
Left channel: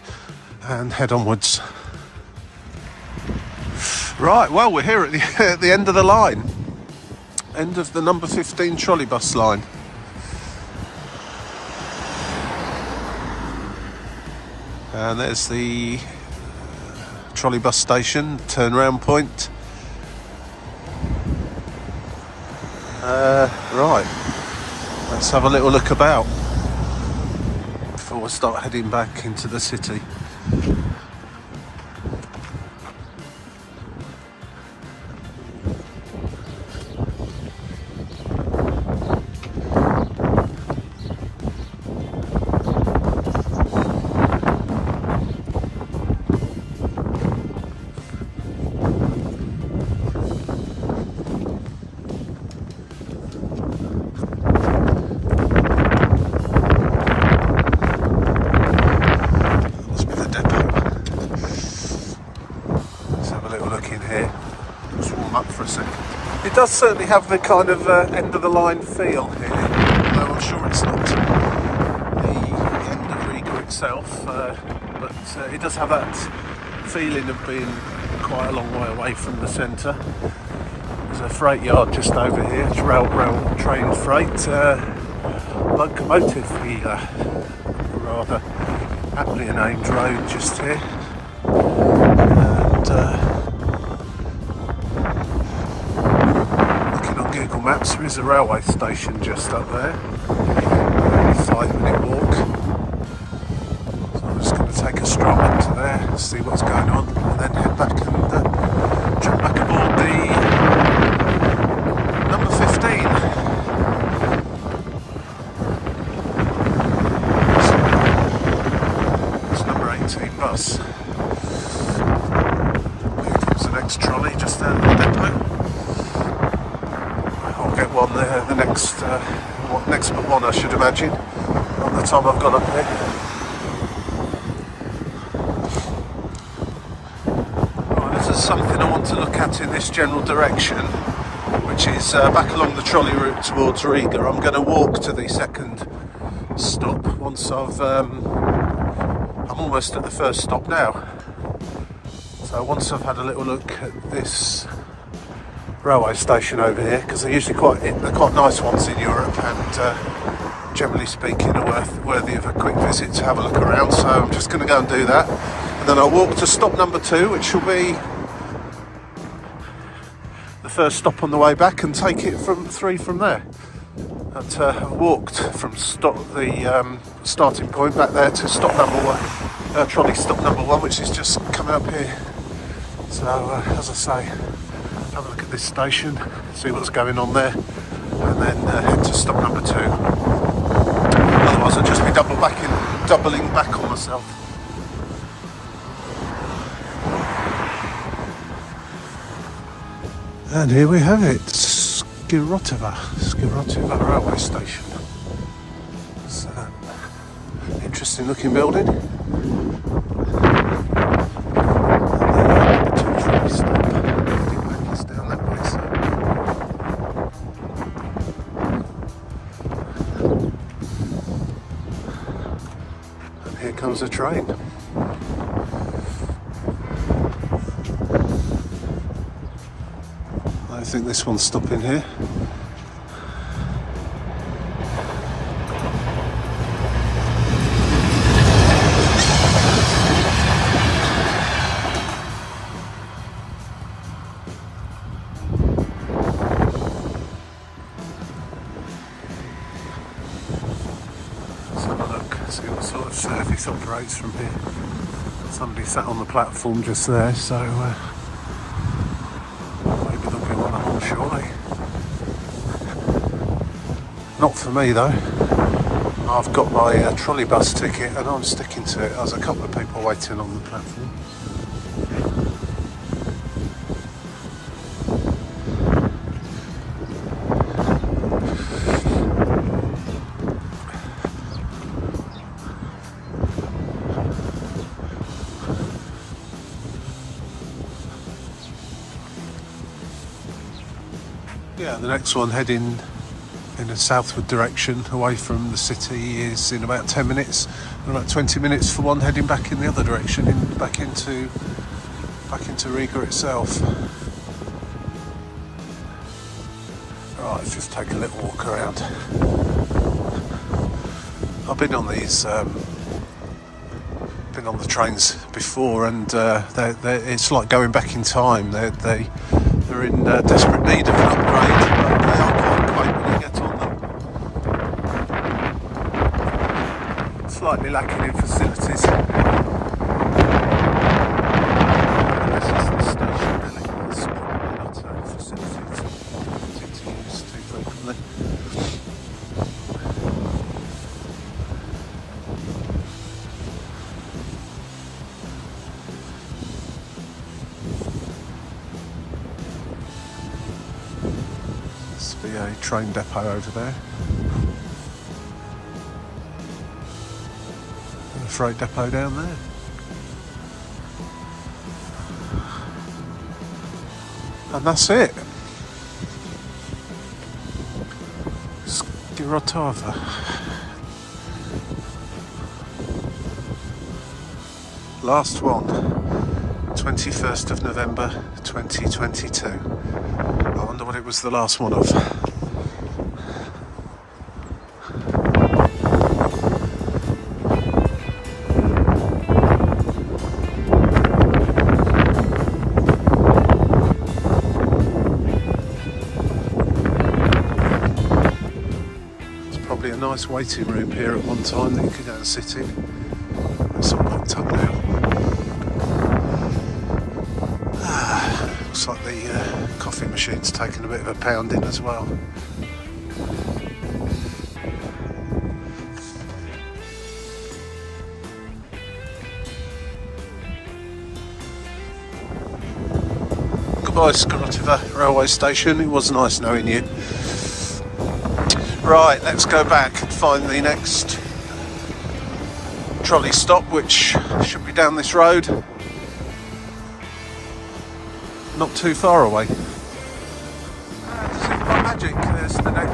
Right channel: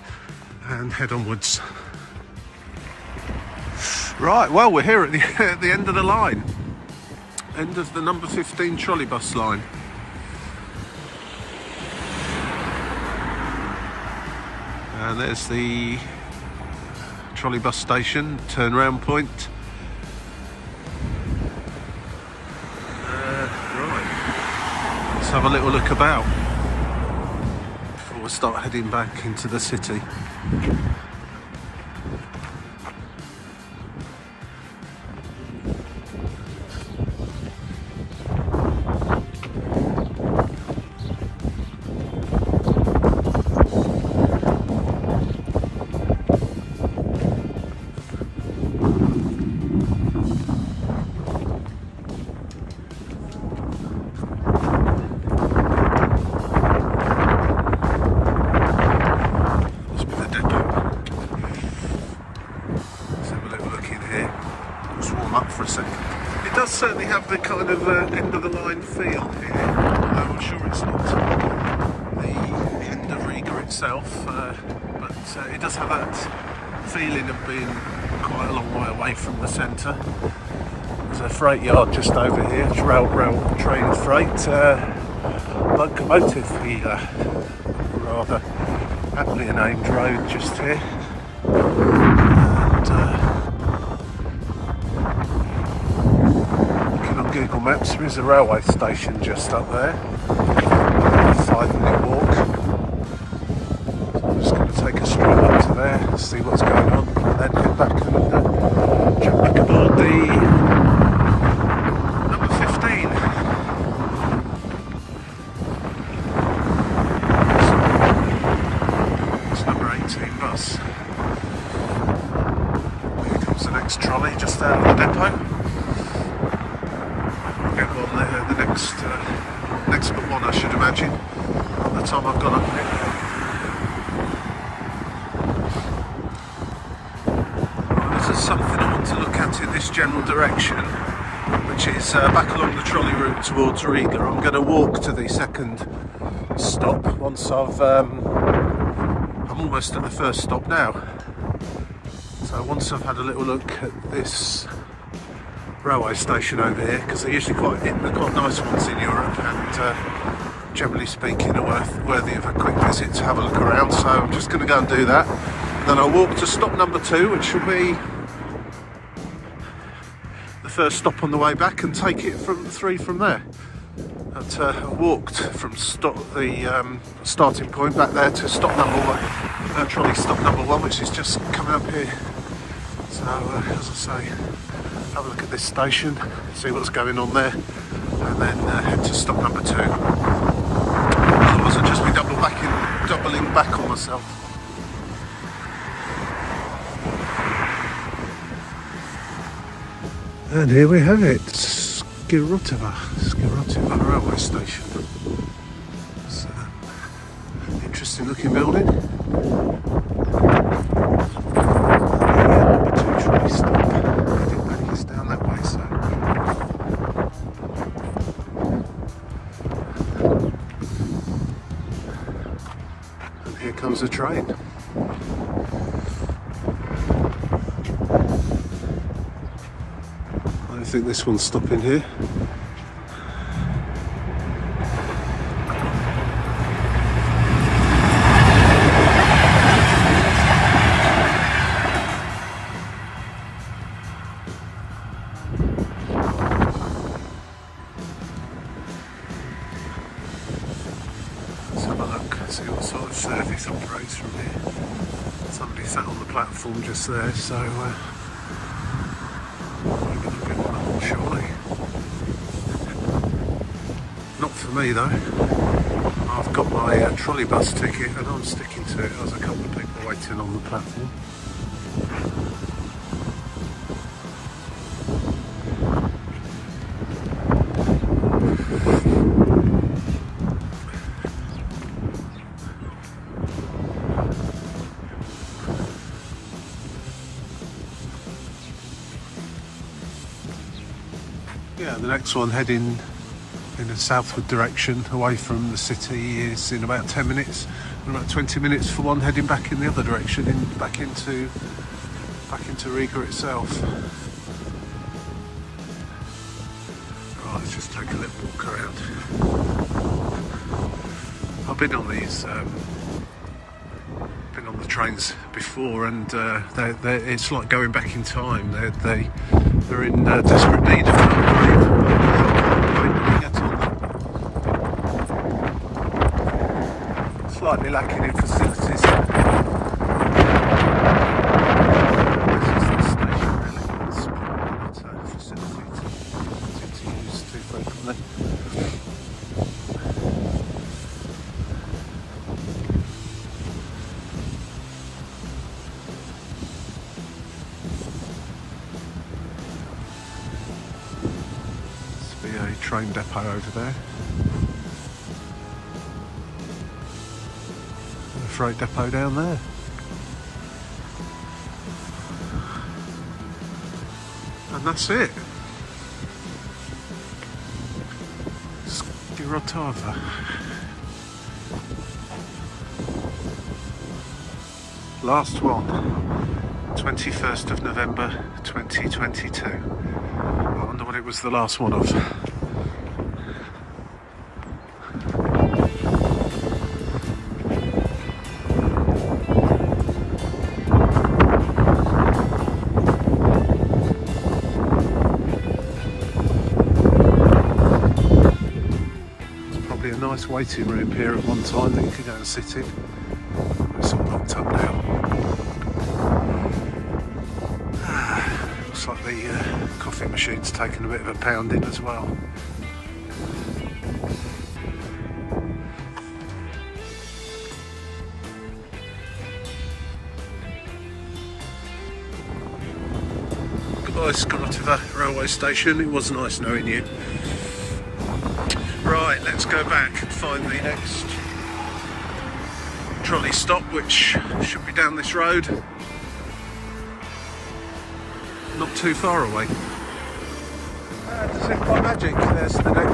and head onwards. Right, well, we're here at the end of the line. End of the number 15 trolleybus line. And there's the trolleybus station, turnaround point. Right, let's have a little look about before we start heading back into the city. It does certainly have the kind of end of the line feel here, although I'm sure it's not the end of Riga itself, but it does have that feeling of being quite a long way away from the centre. There's a freight yard just over here, it's rail train freight, locomotive here, rather aptly named road just here. And maps, there's a railway station just up there, 5-minute walk, so I'm just going to take a stroll into there, see what's going on, and then head back and jump back aboard the number 15. It's number 18 bus. Here comes the next trolley just out of the depot. Get one there, the next but one, I should imagine, by the time I've got up here. Right, if there's something I want to look at in this general direction, the which is back along the trolley route towards Riga. I'm going to walk to the second stop once I'm almost at the first stop now. So once I've had a little look at this railway station over here, because they're usually quite nice ones in Europe, and generally speaking are worthy of a quick visit to have a look around. So I'm just going to go and do that, and then I'll walk to stop number 2, which will be the first stop on the way back, and take it from 3 from there. But I walked from the starting point back there to stop number 1, trolley stop number 1, which is just coming up here. So as I say, have a look at this station, see what's going on there, and then head to stop number 2. Otherwise I'll just be doubling back on myself. And here we have it, Skirotiva railway station. It's an interesting looking building. Down that way, so. And here comes a train. I think this one's stopping here. Let's have a look, see what sort of service operates from here. Somebody sat on the platform just there, so maybe there'll be one more shortly. Not for me though. I've got my trolleybus ticket and I'm sticking to it. There's a couple of people waiting on the platform. Yeah, the next one heading in a southward direction away from the city is in about 10 minutes, and about 20 minutes for one heading back in the other direction, back into Riga itself. Right, let's just take a little walk around. I've been on these, been on the trains before, and it's like going back in time. They're in desperate need of an upgrade. I can't wait when we get on them. Slightly lacking in facilities. This is the station really. It's probably not a facility to use too frequently. A train depot over there, and a freight depot down there. And that's it. Skirotiva. Last one, 21st of November 2022. I wonder what it was the last one of. Probably a nice waiting room here at one time that you could go and sit in. It's all locked up now. Looks like the coffee machine's taken a bit of a pounding as well. Goodbye, Skirotiva railway station. It was nice knowing you. Right, let's go back and find the next trolley stop, which should be down this road. Not too far away.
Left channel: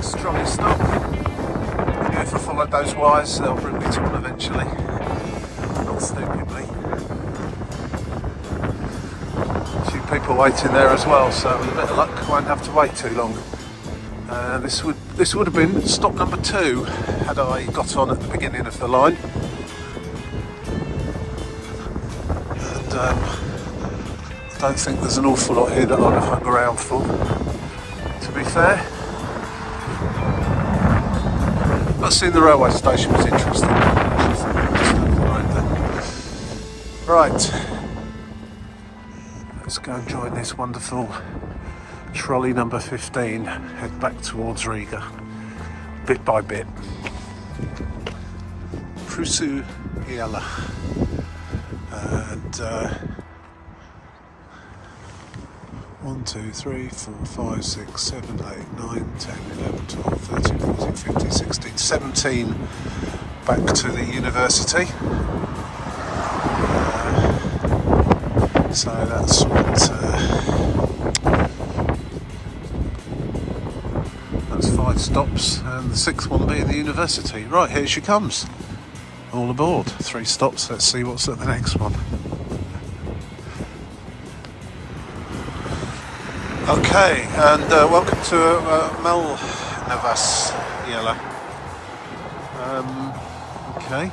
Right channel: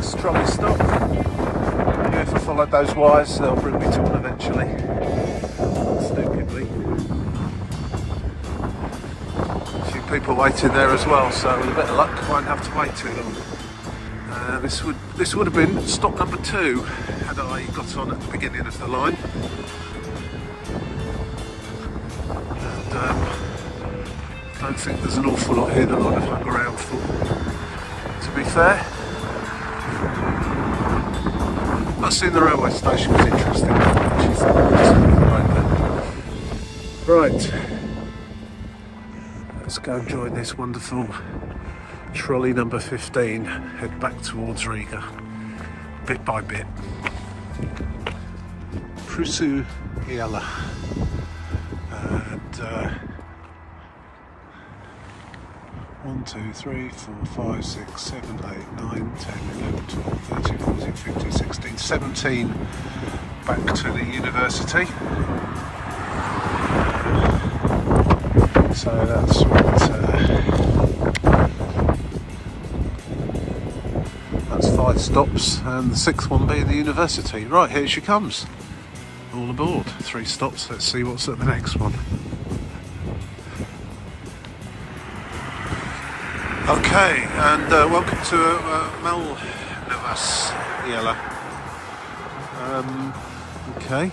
Next trolley stop. Maybe if I followed those wires, they'll bring me to one eventually. Not stupidly. A few people waiting there as well, so with a bit of luck, I won't have to wait too long. This would have been stop number 2 had I got on at the beginning of the line. And I don't think there's an awful lot here that I'd have hung around for, to be fair. But seeing the railway station was interesting. Right, let's go and join this wonderful trolley number 15, head back towards Riga, bit by bit. Prusu Iala. And 1, 2, 3, 4, 5, 6, 7, 8, 9, 10, 11, 12, 13, 14, 15, 16, 17 back to the university. So that's what, that's 5 stops, and the 6th one being the university. Right, here she comes. All aboard. 3 stops, let's see what's at the next one. Okay, and welcome to Malnavas Iala. Okay.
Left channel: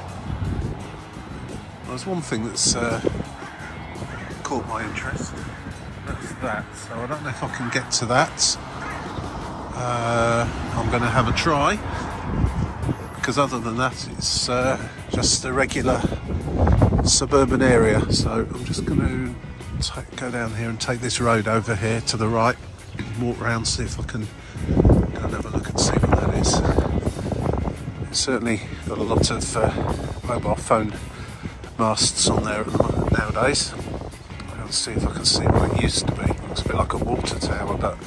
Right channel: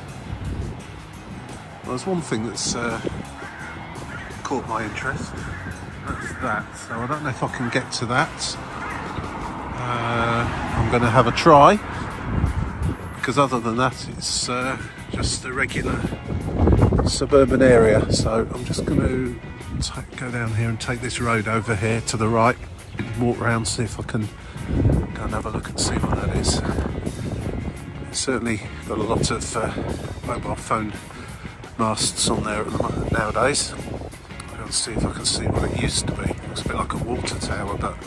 Well, there's one thing that's caught my interest. That's that. So I don't know if I can get to that. I'm going to have a try, because other than that, it's just a regular suburban area. So I'm just going to go down here and take this road over here to the right, walk around, see if I can go and have a look and see what that is. It's certainly got a lot of mobile phone masts on there nowadays. I'll see if I can see what it used to be. Looks a bit like a water tower, but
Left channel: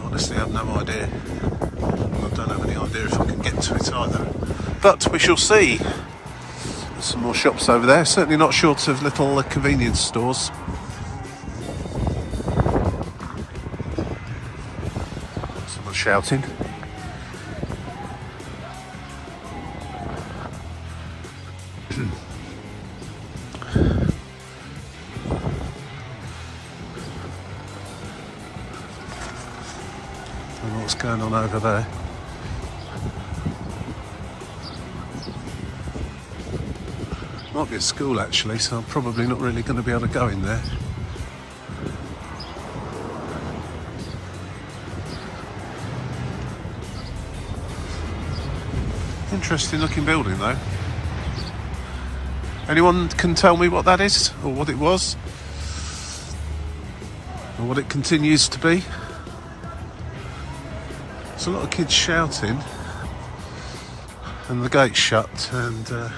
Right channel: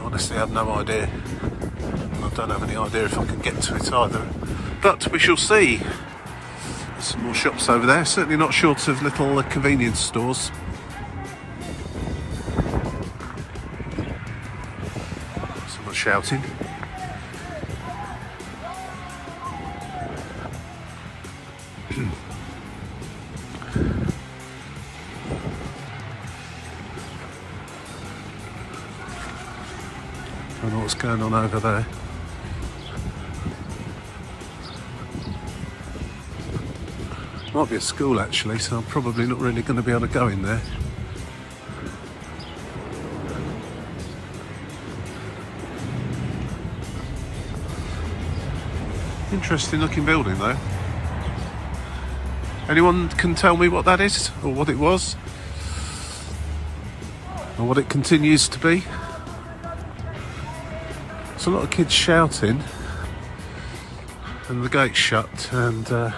honestly I have no idea. I don't have any idea if I can get to it either, but we shall see. There's some more shops over there, certainly not short of little convenience stores. Someone's shouting. I don't know what's going on over there. Might be a school actually, so I'm probably not really going to be able to go in there. Interesting looking building though. Anyone can tell me what that is, or what it was, or what it continues to be? There's a lot of kids shouting, and the gate's shut, and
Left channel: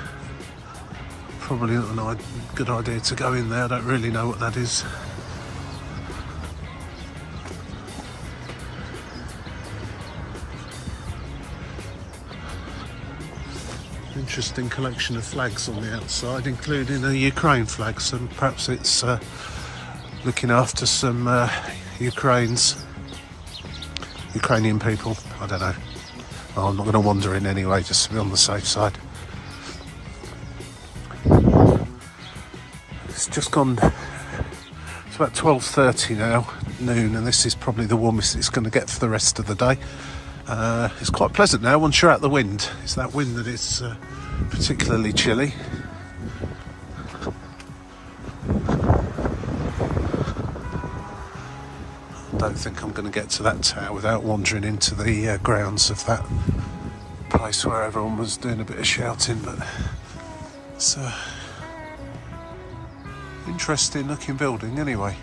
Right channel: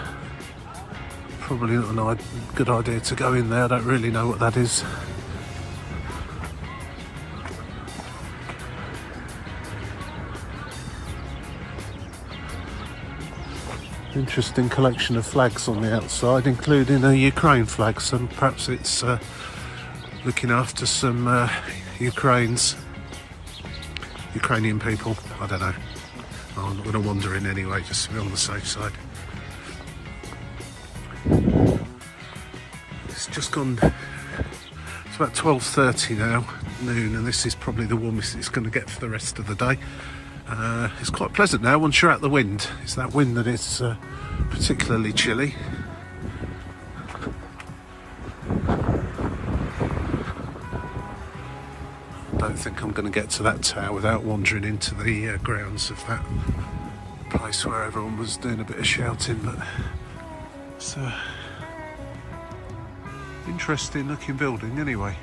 probably not a good idea to go in there. I don't really know what that is. Interesting collection of flags on the outside, including a Ukraine flag, so perhaps it's looking after some Ukrainian people. I don't know. I'm not going to wander in anyway, just to be on the safe side. It's just gone, it's about 12:30 now, noon, and this is probably the warmest it's going to get for the rest of the day. It's quite pleasant now once you're out the wind. It's that wind that is particularly chilly. I don't think I'm going to get to that tower without wandering into the grounds of that place where everyone was doing a bit of shouting, but it's a interesting looking building anyway.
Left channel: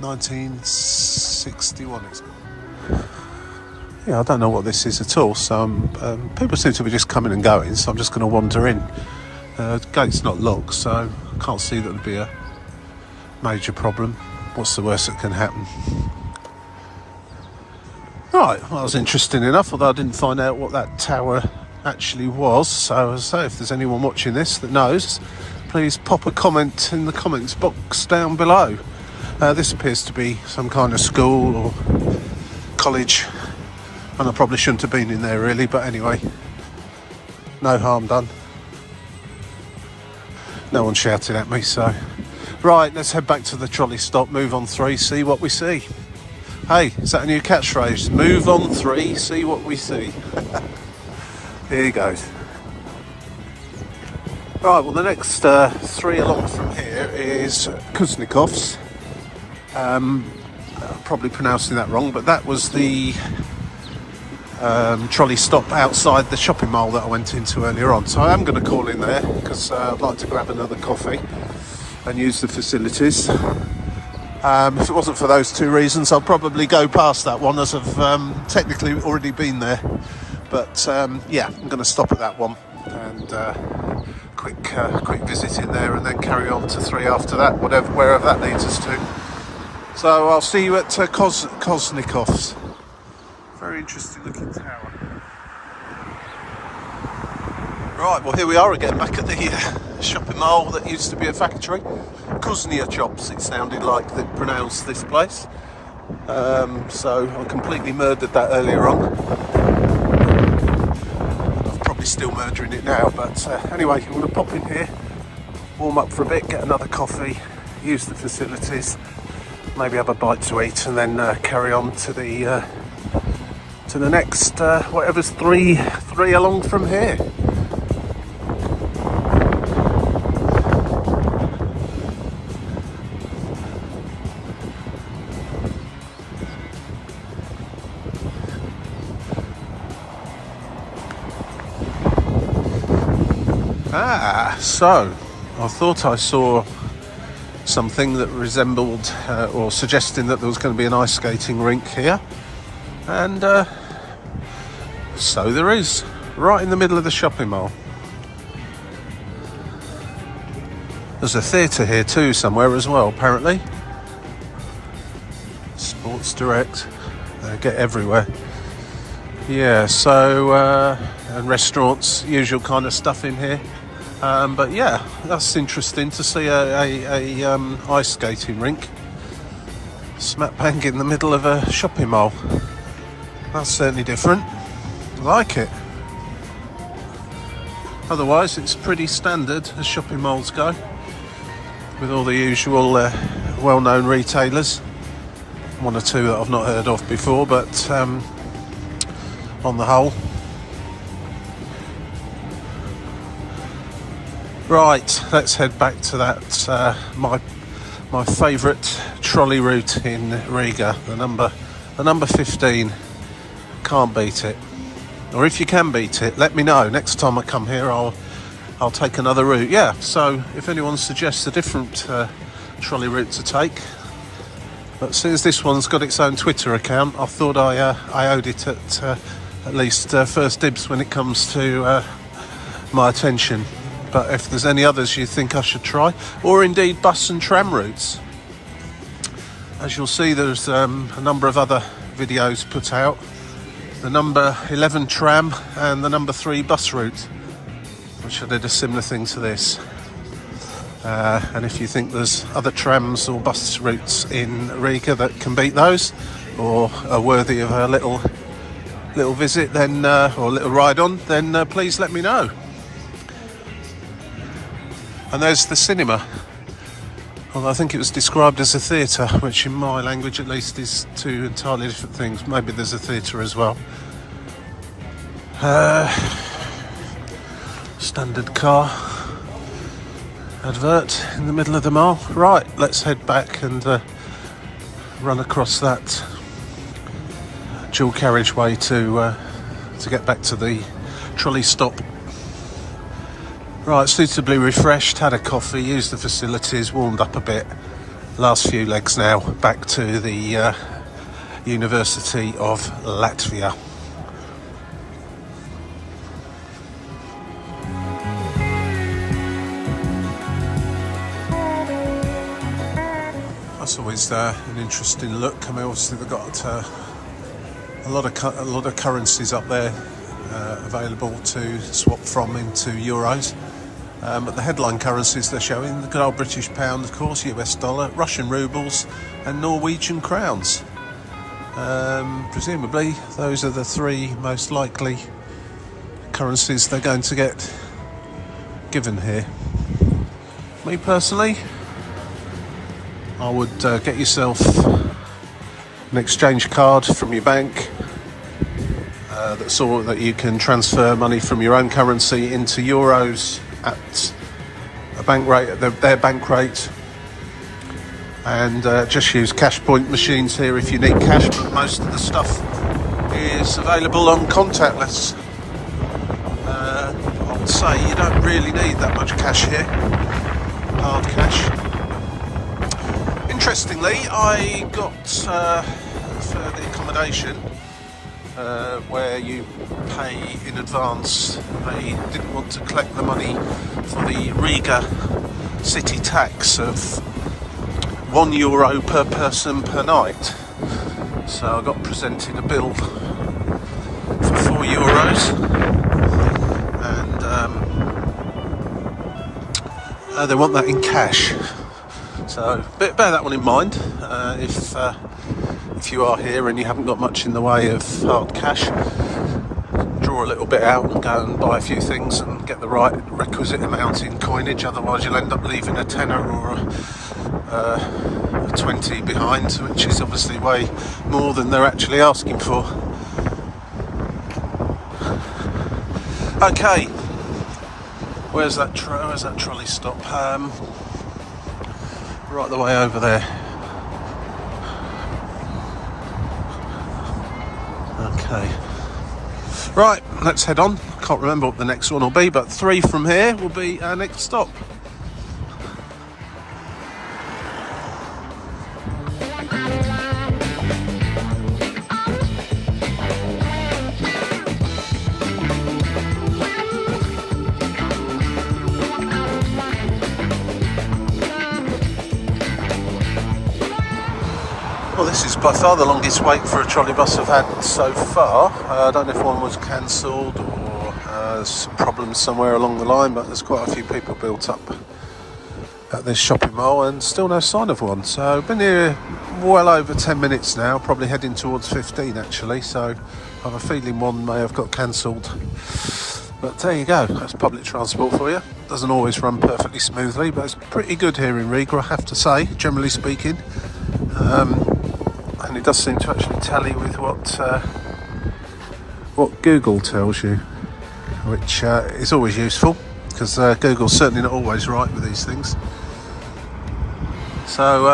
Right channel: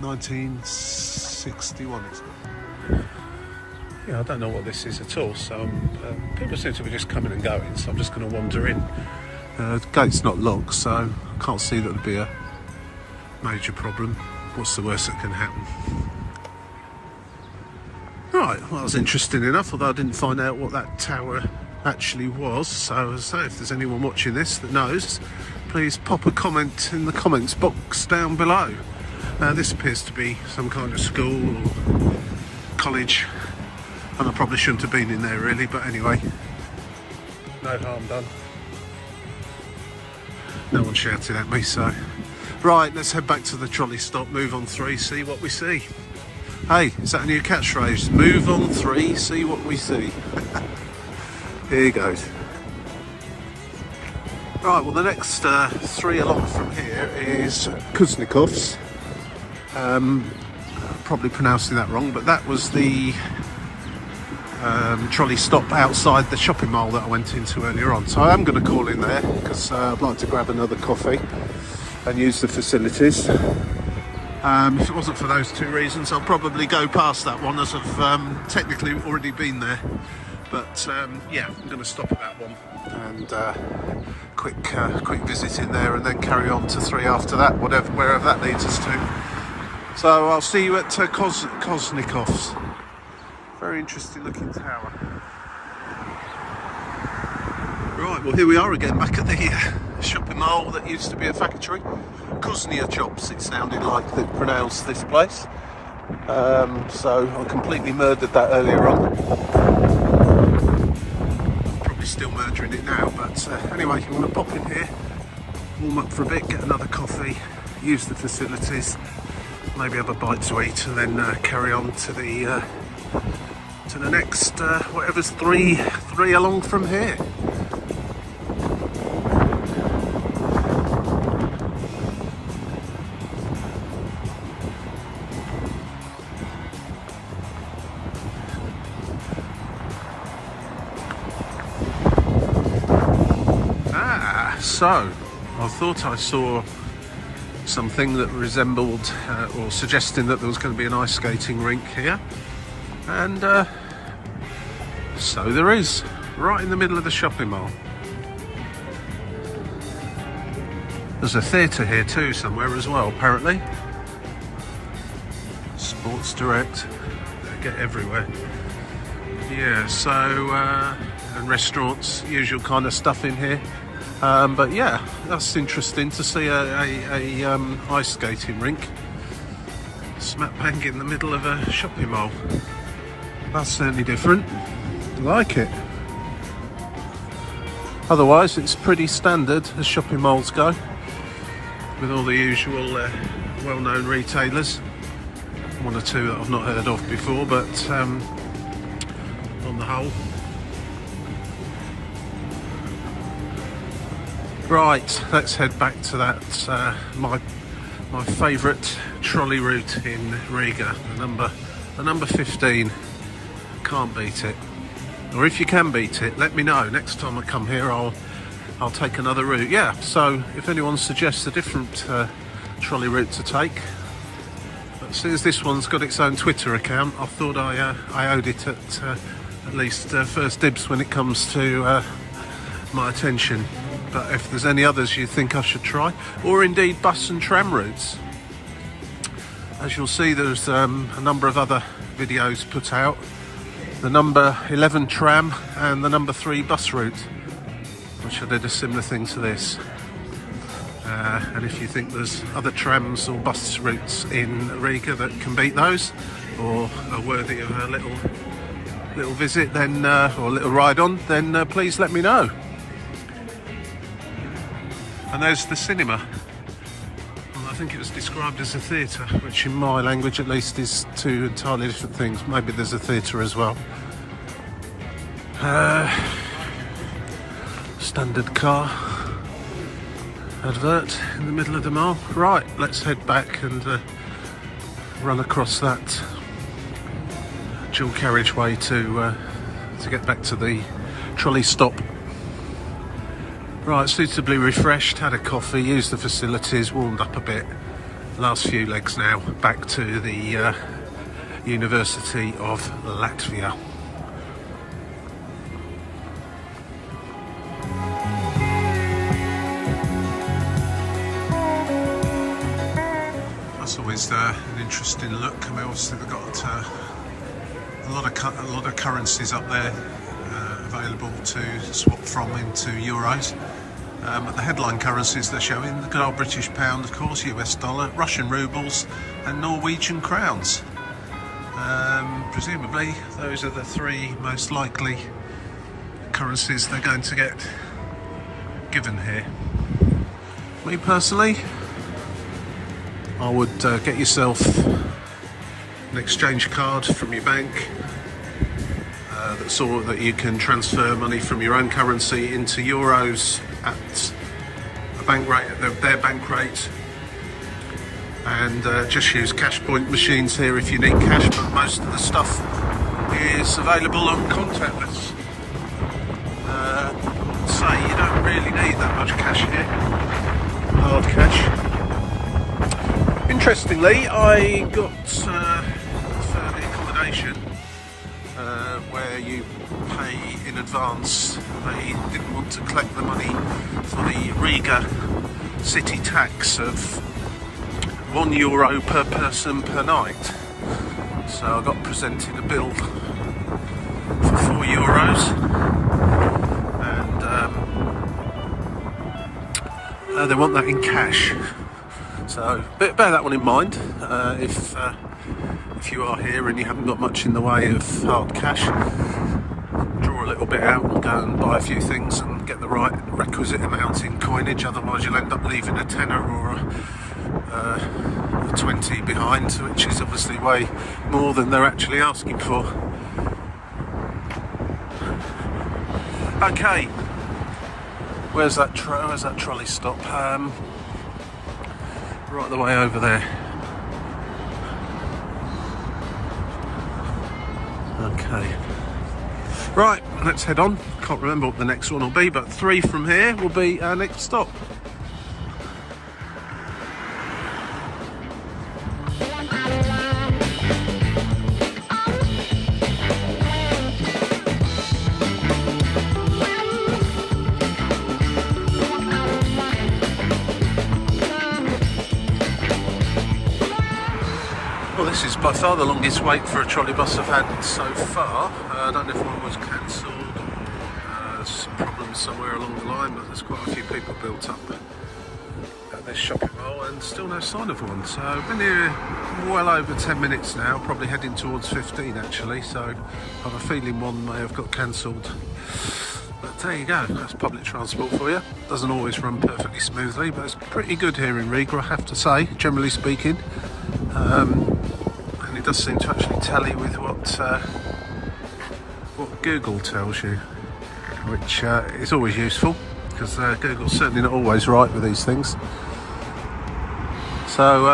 1961 it's got. Yeah, I don't know what this is at all, so people seem to be just coming and going, so I'm just going to wander in. The gate's not locked, so I can't see that would be a major problem. What's the worst that can happen? Right, well, that was interesting enough, although I didn't find out what that tower actually was. So as I say, if there's anyone watching this that knows, please pop a comment in the comments box down below. This appears to be some kind of school or college, and I probably shouldn't have been in there really, but anyway, no harm done. No one shouted at me, so. Right, let's head back to the trolley stop, move on 3, see what we see. Hey, is that a new catchphrase? Move on 3, see what we see. Here he goes. Right, well the next 3 along from here is Kuznikov's. I'm probably pronouncing that wrong, but that was the trolley stop outside the shopping mall that I went into earlier on. So I am going to call in there because I'd like to grab another coffee and use the facilities. If it wasn't for those 2 reasons, I'll probably go past that one, as I've technically already been there. But yeah, I'm going to stop at that one and quick visit in there, and then carry on to 3 after that, wherever that leads us to. So I'll see you at Kuznikov's. Very interesting looking tower. Right, well here we are again, back at the shopping mall that used to be a factory. Kuznia Chops, it sounded like they pronounced this place. So I completely murdered that earlier on. I'm probably still murdering it now, but anyway, I'm going to pop in here, warm up for a bit, get another coffee, use the facilities, maybe have a bite to eat, and then carry on to the next whatever's three along from here. So I thought I saw something that resembled or suggesting that there was going to be an ice skating rink here, and so there is, right in the middle of the shopping mall. There's a theatre here too somewhere as well, apparently. Sports Direct, they get everywhere. Yeah, so and restaurants, usual kind of stuff in here. But yeah, that's interesting to see a ice skating rink smack bang in the middle of a shopping mall. That's certainly different. I like it. Otherwise, it's pretty standard as shopping malls go, with all the usual well-known retailers. 1 or 2 that I've not heard of before, but on the whole. Right, let's head back to that my favourite trolley route in Riga, the number 15. Can't beat it. Or if you can beat it, let me know. Next time I come here, I'll take another route. Yeah, so if anyone suggests a different trolley route to take, but since this one's got its own Twitter account, I thought I owed it at least first dibs when it comes to my attention. But if there's any others you think I should try, or indeed bus and tram routes, as you'll see, there's a number of other videos put out. The number 11 tram and the number 3 bus route, which I did a similar thing to this. And if you think there's other trams or bus routes in Riga that can beat those, or are worthy of a little visit, then or a little ride on, then please let me know. And there's the cinema. Well, I think it was described as a theatre, which in my language at least is 2 entirely different things. Maybe there's a theatre as well. Standard car advert in the middle of the mall. Right, let's head back and run across that dual carriageway to get back to the trolley stop. Right, suitably refreshed, had a coffee, used the facilities, warmed up a bit. Last few legs now, back to the University of Latvia. That's always an interesting look. I mean, obviously they've got a lot of currencies up there available to swap from into euros. But the headline currencies they're showing, the good old British pound, of course, US dollar, Russian rubles and Norwegian crowns. Presumably those are the three most likely currencies they're going to get given here. Me personally, I would get yourself an exchange card from your bank that's all that you can transfer money from your own currency into euros at a bank rate, their bank rate, and just use cash point machines here if you need cash, but most of the stuff is available on contactless. I would say you don't really need that much cash here, hard cash. Interestingly, I got for the accommodation where you pay in advance. They didn't want to collect the money for the Riga city tax of €1 per person per night. So I got presented a bill for €4, and they want that in cash. So bear that one in mind if you are here and you haven't got much in the way of hard cash. Draw a little bit out and go and buy a few things and get the right requisite amount in coinage, otherwise you'll end up leaving a tenner or a 20 behind, which is obviously way more than they're actually asking for. Okay, where's that trolley stop? Right the way over there. Okay. Right, let's head on. Can't remember what the next one will be, but 3 from here will be our next stop. Well, this is by far the longest wait for a trolleybus I've had so far. I don't know if one was cancelled or some problems somewhere along the line, but there's quite a few people built up at this shopping mall and still no sign of one. So I've been here well over 10 minutes now, probably heading towards 15 actually, so I have a feeling one may have got cancelled. But there you go, that's public transport for you. Doesn't always run perfectly smoothly, but it's pretty good here in Riga, I have to say, generally speaking. And it does seem to actually tally with what Google tells you, which is always useful, because Google's certainly not always right with these things. So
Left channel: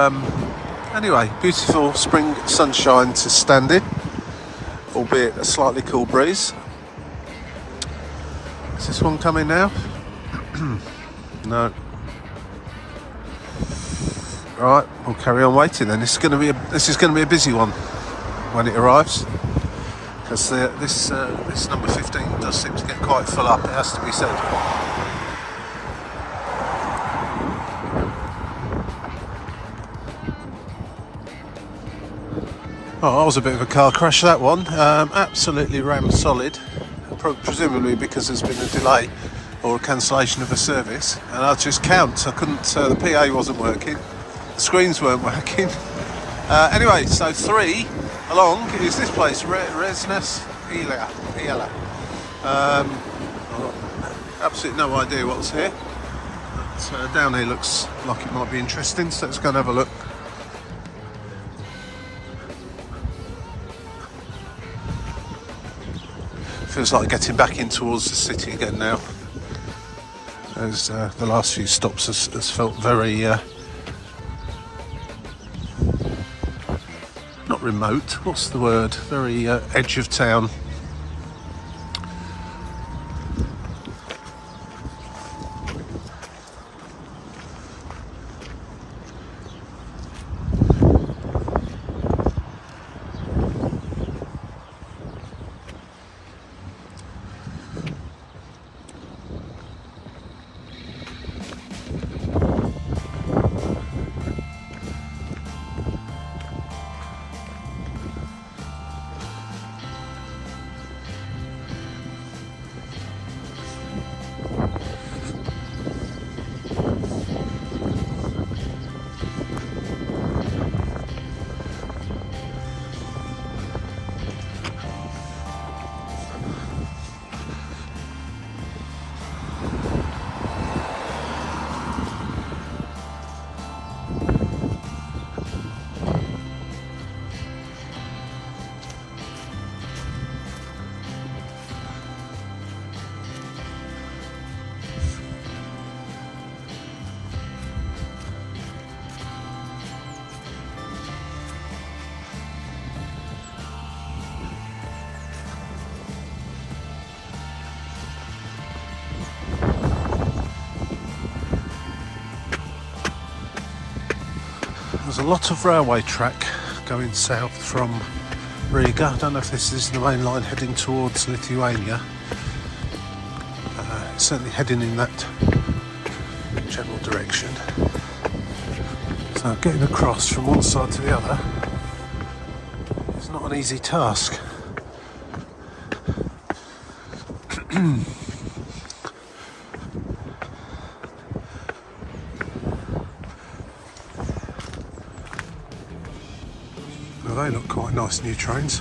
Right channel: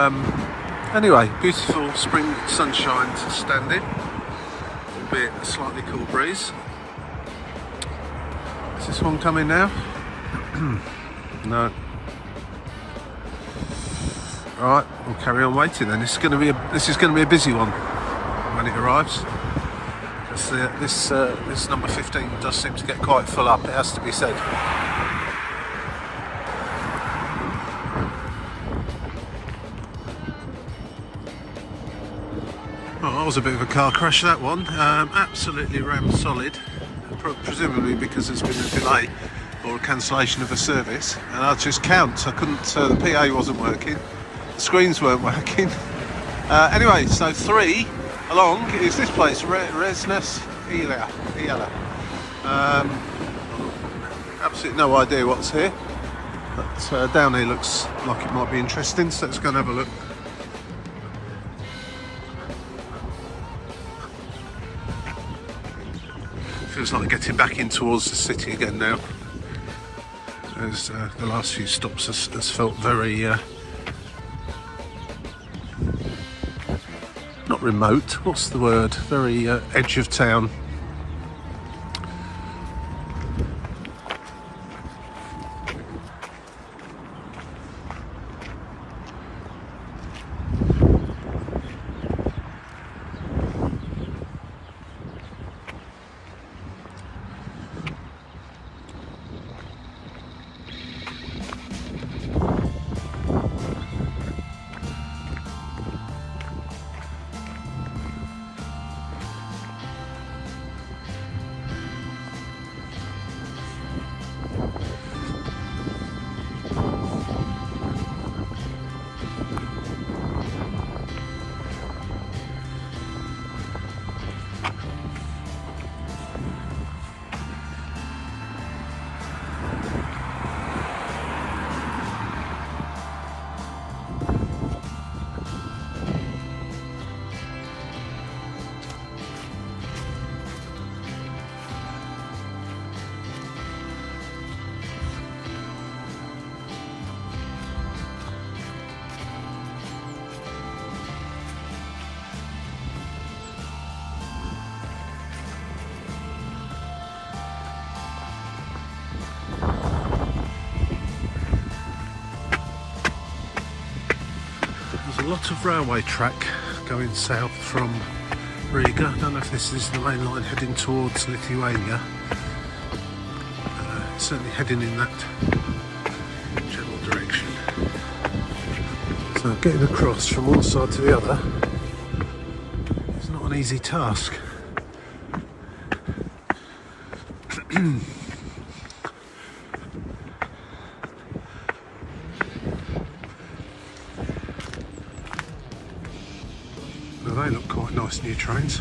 anyway, beautiful spring sunshine to stand in, albeit a slightly cool breeze. Is this one coming now? No. Right, we'll carry on waiting then. This is going to be a busy one when it arrives, because this number 15 does seem to get quite full up, it has to be said. Oh, that was a bit of a car crash, that one. Absolutely rammed solid, presumably because there's been a delay or a cancellation of a service. And I'll just count, I couldn't, the PA wasn't working. The screens weren't working. Anyway, so 3 along is this place, Resnes Iela. Absolutely no idea what's here, but down here looks like it might be interesting, so let's go and have a look. Feels like getting back in towards the city again now, as the last few stops has felt very not remote, what's the word, very edge of town. lot of railway track going south from Riga. I don't know if this is the main line heading towards Lithuania. It's certainly heading in that general direction. So getting across from one side to the other is not an easy task. Well, they look quite nice new trains.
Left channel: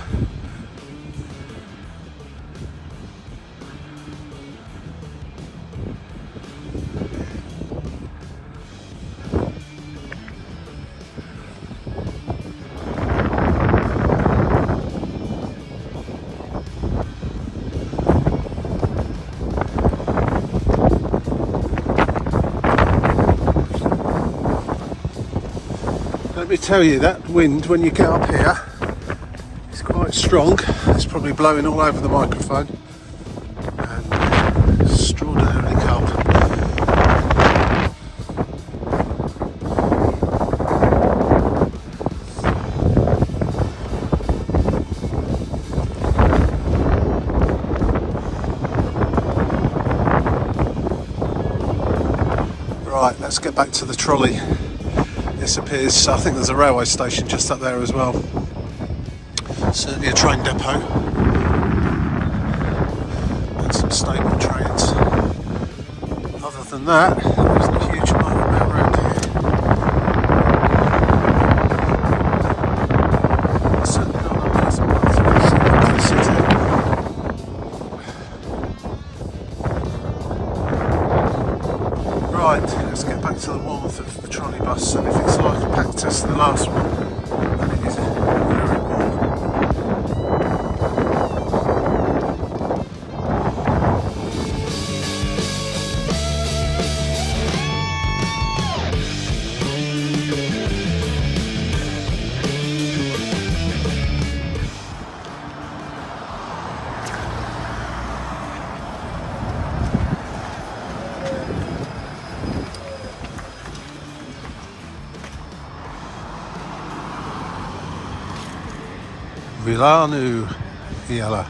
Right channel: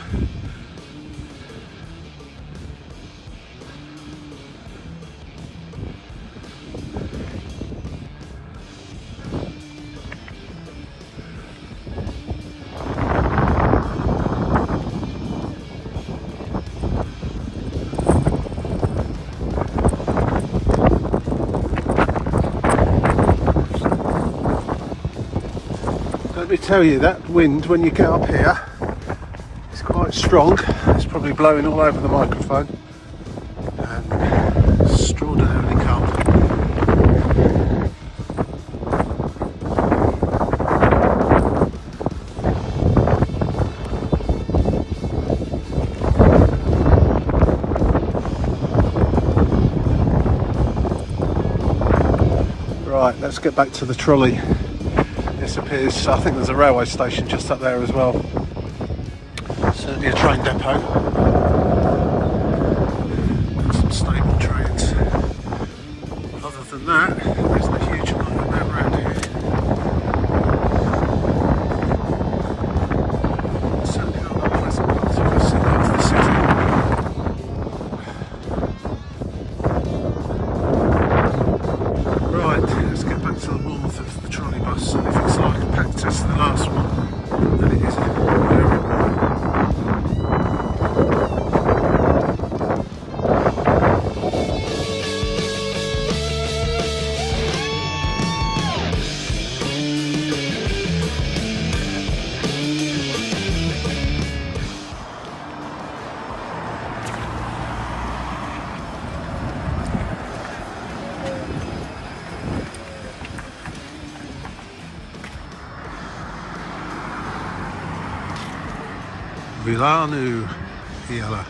Let me tell you, that wind when you get up here is quite strong. It's probably blowing all over the microphone and extraordinarily cold. Right, let's get back to the trolley. This appears, I think there's a railway station just up there as well. Certainly a train depot. And some stable trains. Other than that, there's the huge amount of rail around here. Certainly not that pleasant one for the city. Right, let's get back to the warmth of the trolleybus, and if it's like a packed as the last one, then it is very warm. Vilanu Iala.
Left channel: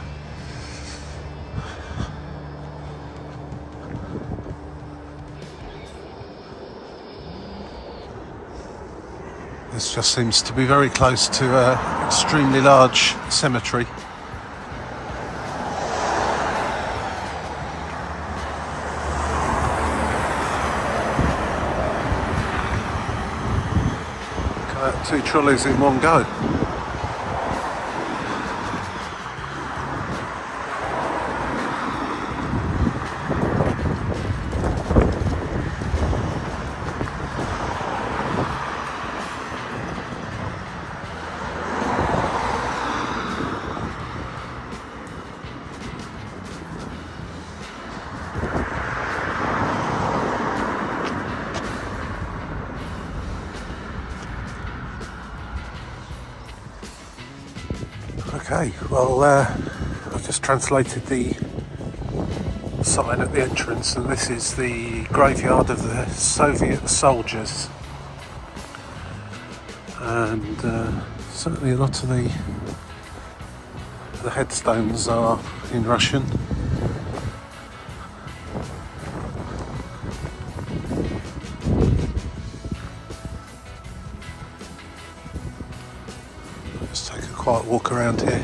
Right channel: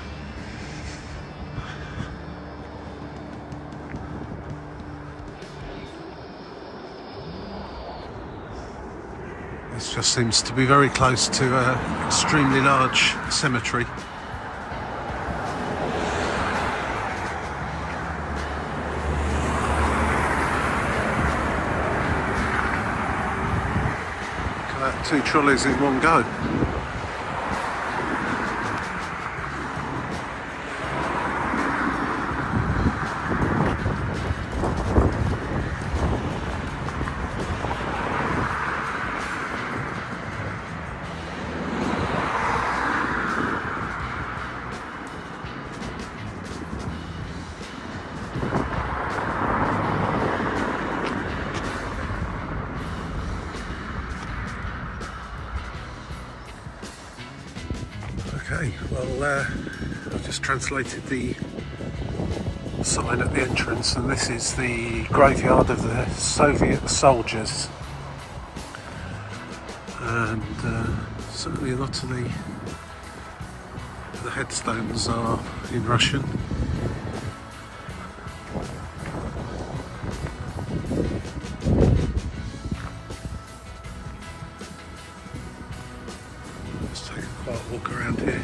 This just seems to be very close to an extremely large cemetery. Got 2 trolleys in one go. Okay, well, I've just translated the sign at the entrance, and this is the graveyard of the Soviet soldiers. And certainly a lot of the headstones are in Russian. Let's take a quiet walk around here.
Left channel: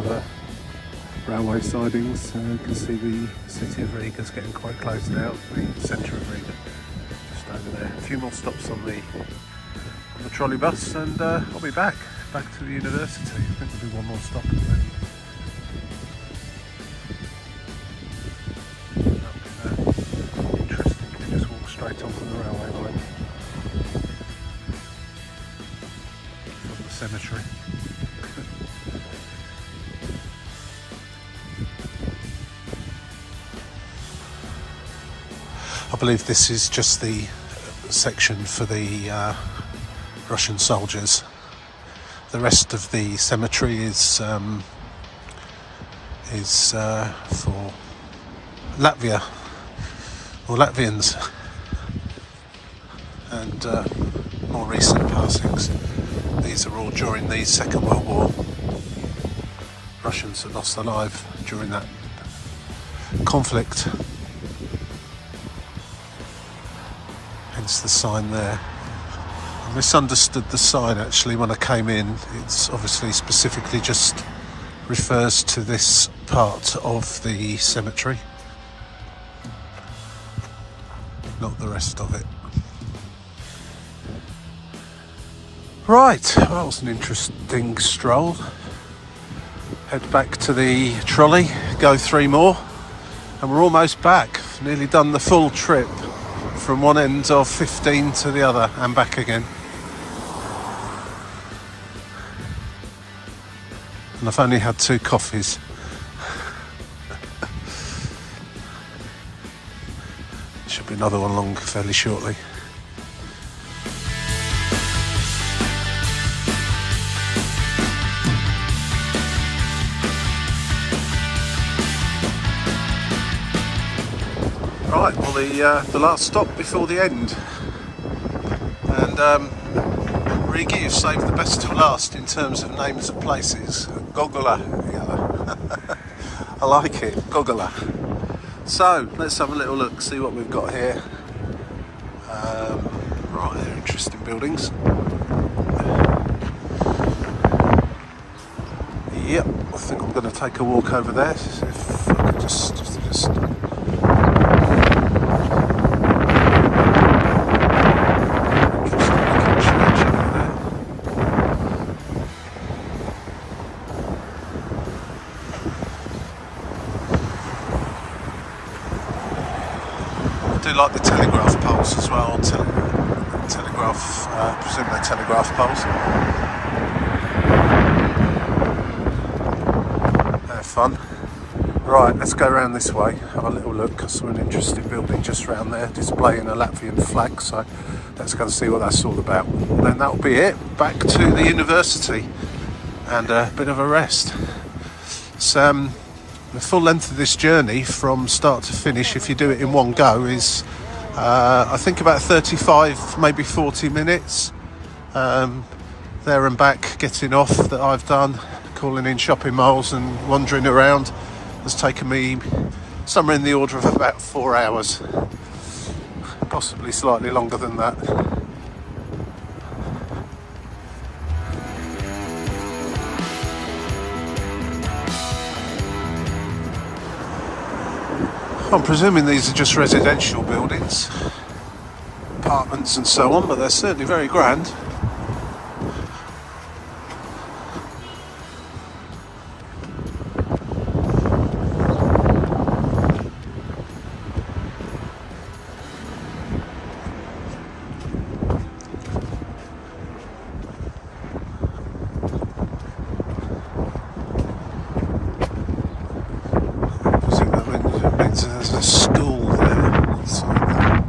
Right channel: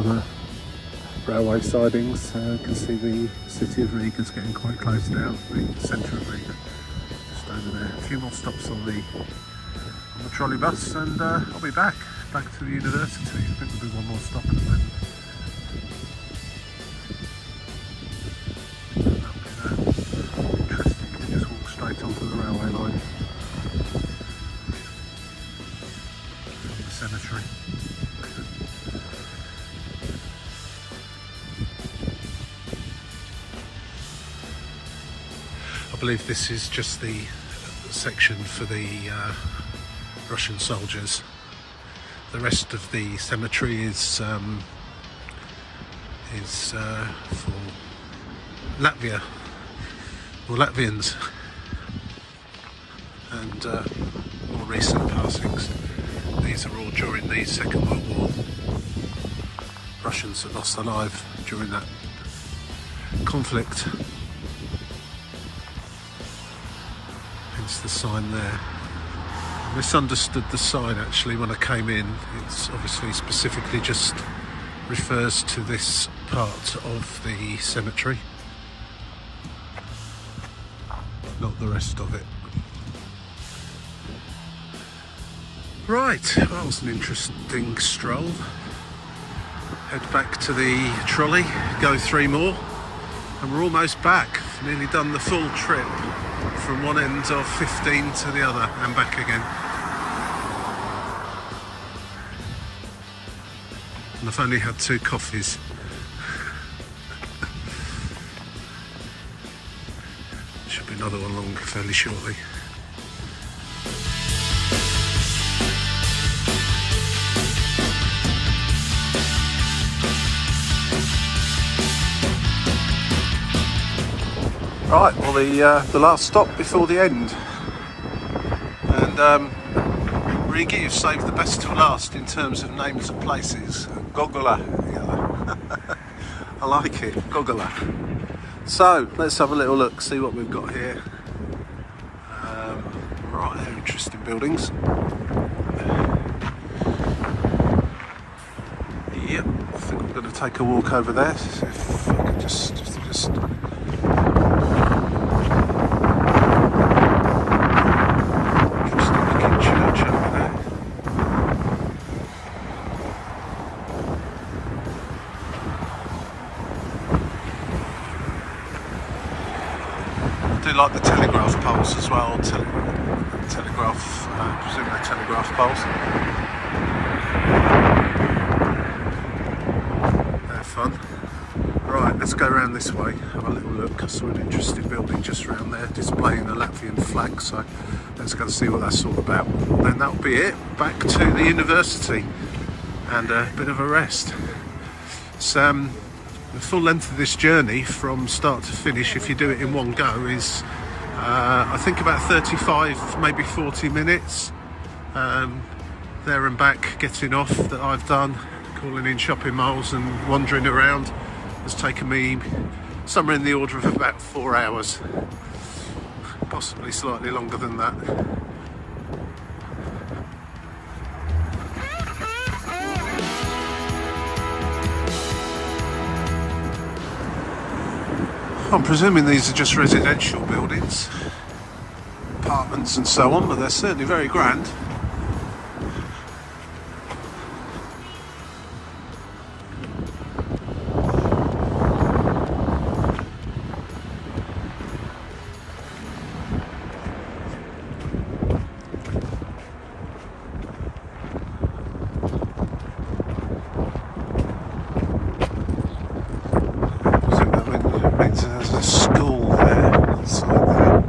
of the railway sidings. You can see the city of Riga is getting quite close now, the centre of Riga, just over there. A few more stops on the trolleybus and I'll be back to the university. I think there'll be one more stop and then that'll be interesting. You can just walk straight onto the railway line from the cemetery. I believe this is just the section for the Russian soldiers. The rest of the cemetery is for Latvia or Latvians and more recent passings. These are all during the Second World War. Russians that lost their life during that conflict. Hence the sign there. I misunderstood the sign actually when I came in. It's obviously specifically just refers to this part of the cemetery, not the rest of it. Right, that was an interesting stroll. Head back to the trolley, go 3 more, and we're almost back. Nearly done the full trip from one end of 15 to the other and back again. And I've only had 2 coffees. Should be another one along fairly shortly. Right, well the last stop before the end, and Riga, you've saved the best till last in terms of names of places. Gogola, yeah. I like it, Gogola. So let's have a little look, see what we've got here. Right, they're interesting buildings. Yep, I think I'm going to take a walk over there. If I can just I do like the telegraph poles as well. I presume they're telegraph poles. They're fun. Right, let's go around this way, have a little look. I saw an interesting building just around there displaying a Latvian flag, so let's go and see what that's all about. And then that'll be it. Back to the university and a bit of a rest. It's, the full length of this journey from start to finish, if you do it in one go, is I think about 35, maybe 40 minutes there and back, getting off, that I've done, calling in shopping malls and wandering around. Has taken me somewhere in the order of about 4 hours, possibly slightly longer than that. I'm presuming these are just residential buildings, apartments and so on, but they're certainly very grand. There's a school there, inside there.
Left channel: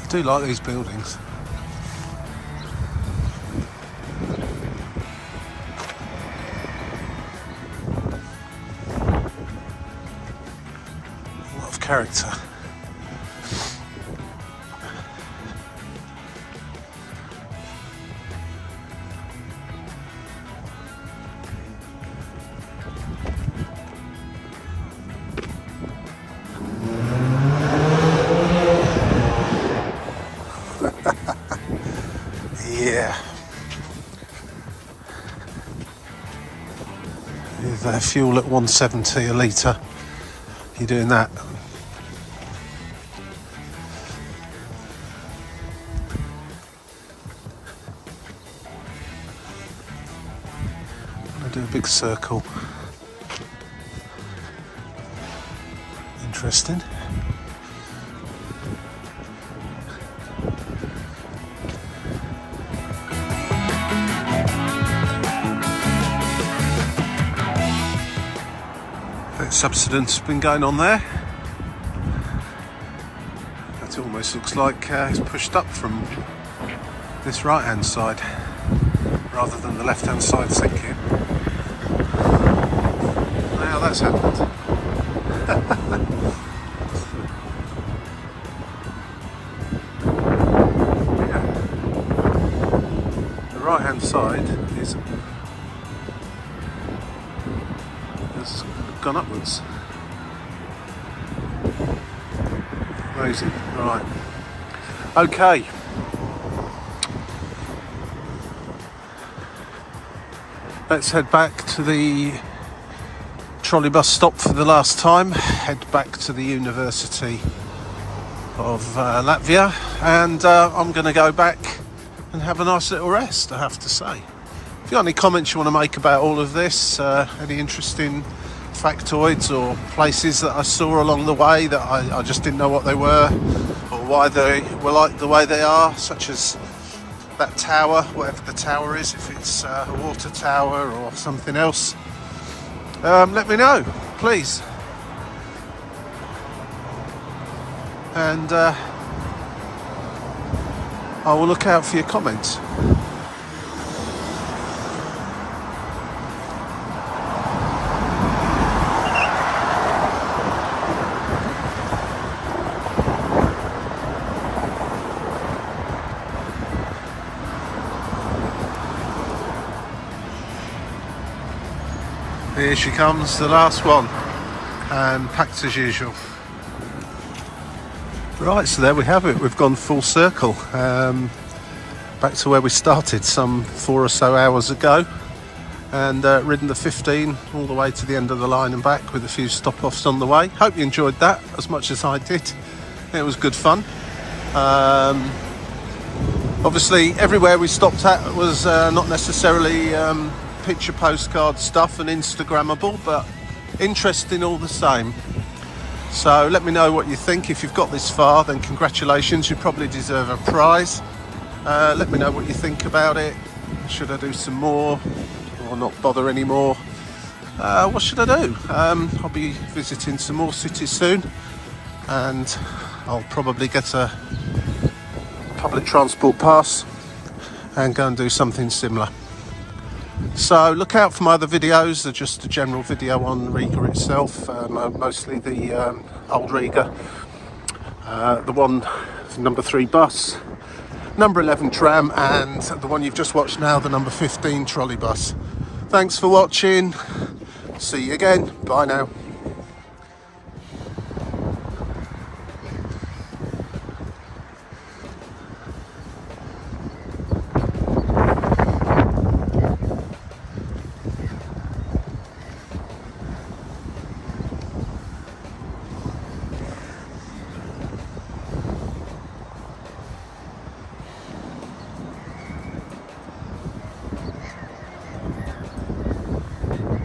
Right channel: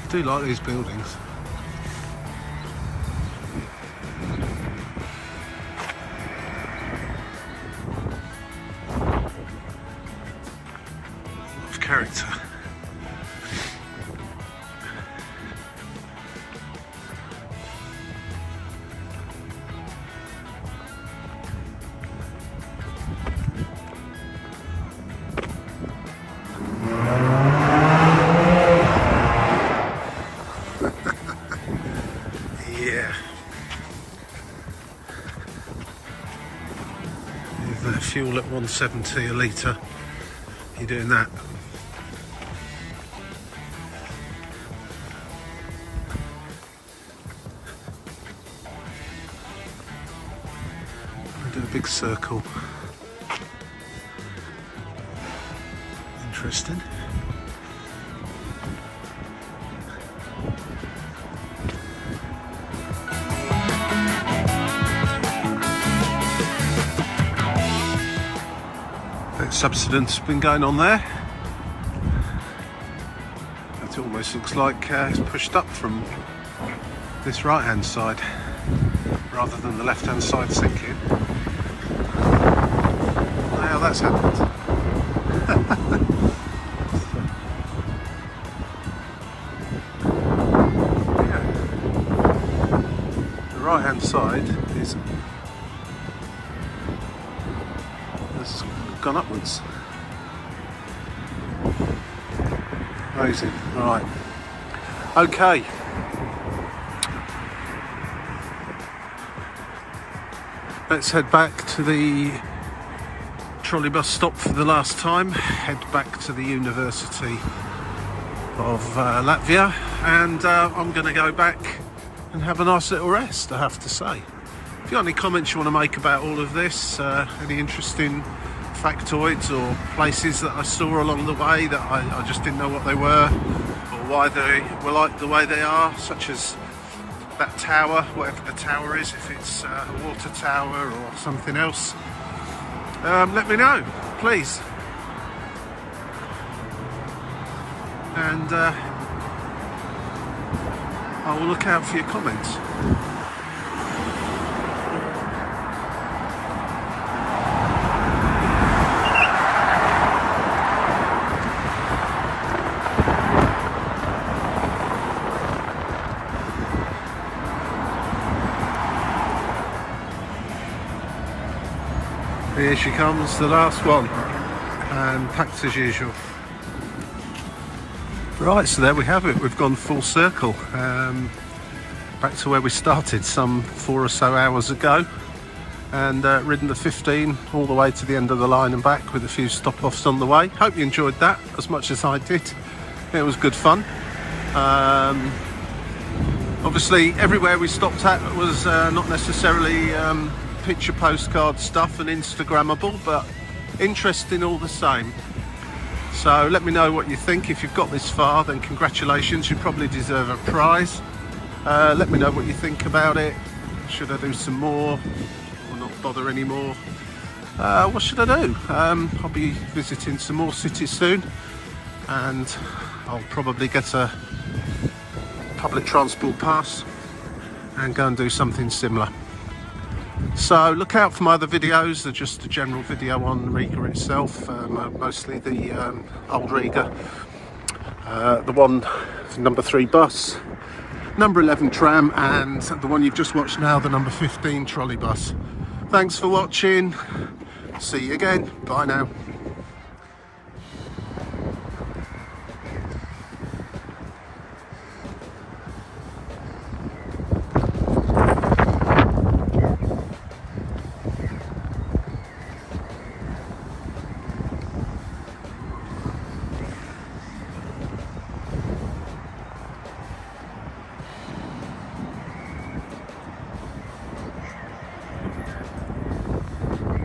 I do like these buildings. Character. with fuel at 170 a litre. You're doing that. I'll do a big circle. Interesting. Bit of subsidence been going on there. That almost looks like it's pushed up from this right hand side rather than the left hand side sinking. Now that's happened. Yeah. The right hand side has gone upwards. Amazing. Right. Okay. Let's head back to the trolleybus stop for the last time. Head back to the University of Latvia, and I'm going to go back and have a nice little rest, I have to say. If you've got any comments you want to make about all of this, any interesting factoids or places that I saw along the way that I just didn't know what they were or why they were like the way they are, such as that tower, whatever the tower is, if it's a water tower or something else, let me know, please. And I will look out for your comments. Here she comes, the last one, and packed as usual. Right, so there we have it. We've gone full circle, back to where we started some 4 or so hours ago, and ridden the 15 all the way to the end of the line and back with a few stop-offs on the way. Hope you enjoyed that as much as I did. It was good fun. Obviously, everywhere we stopped at was not necessarily picture postcard stuff and Instagrammable, but interesting all the same. So let me know what you think. If you've got this far, then congratulations, you probably deserve a prize. Let me know what you think about it. Should I do some more or not bother anymore? What should I do? I'll be visiting some more cities soon, and I'll probably get a public transport pass and go and do something similar. So look out for my other videos. They're just a general video on Riga itself, mostly the old Riga, the one number 3 bus, number 11 tram, and the one you've just watched now, the number 15 trolleybus. Thanks for watching. See you again. Bye now.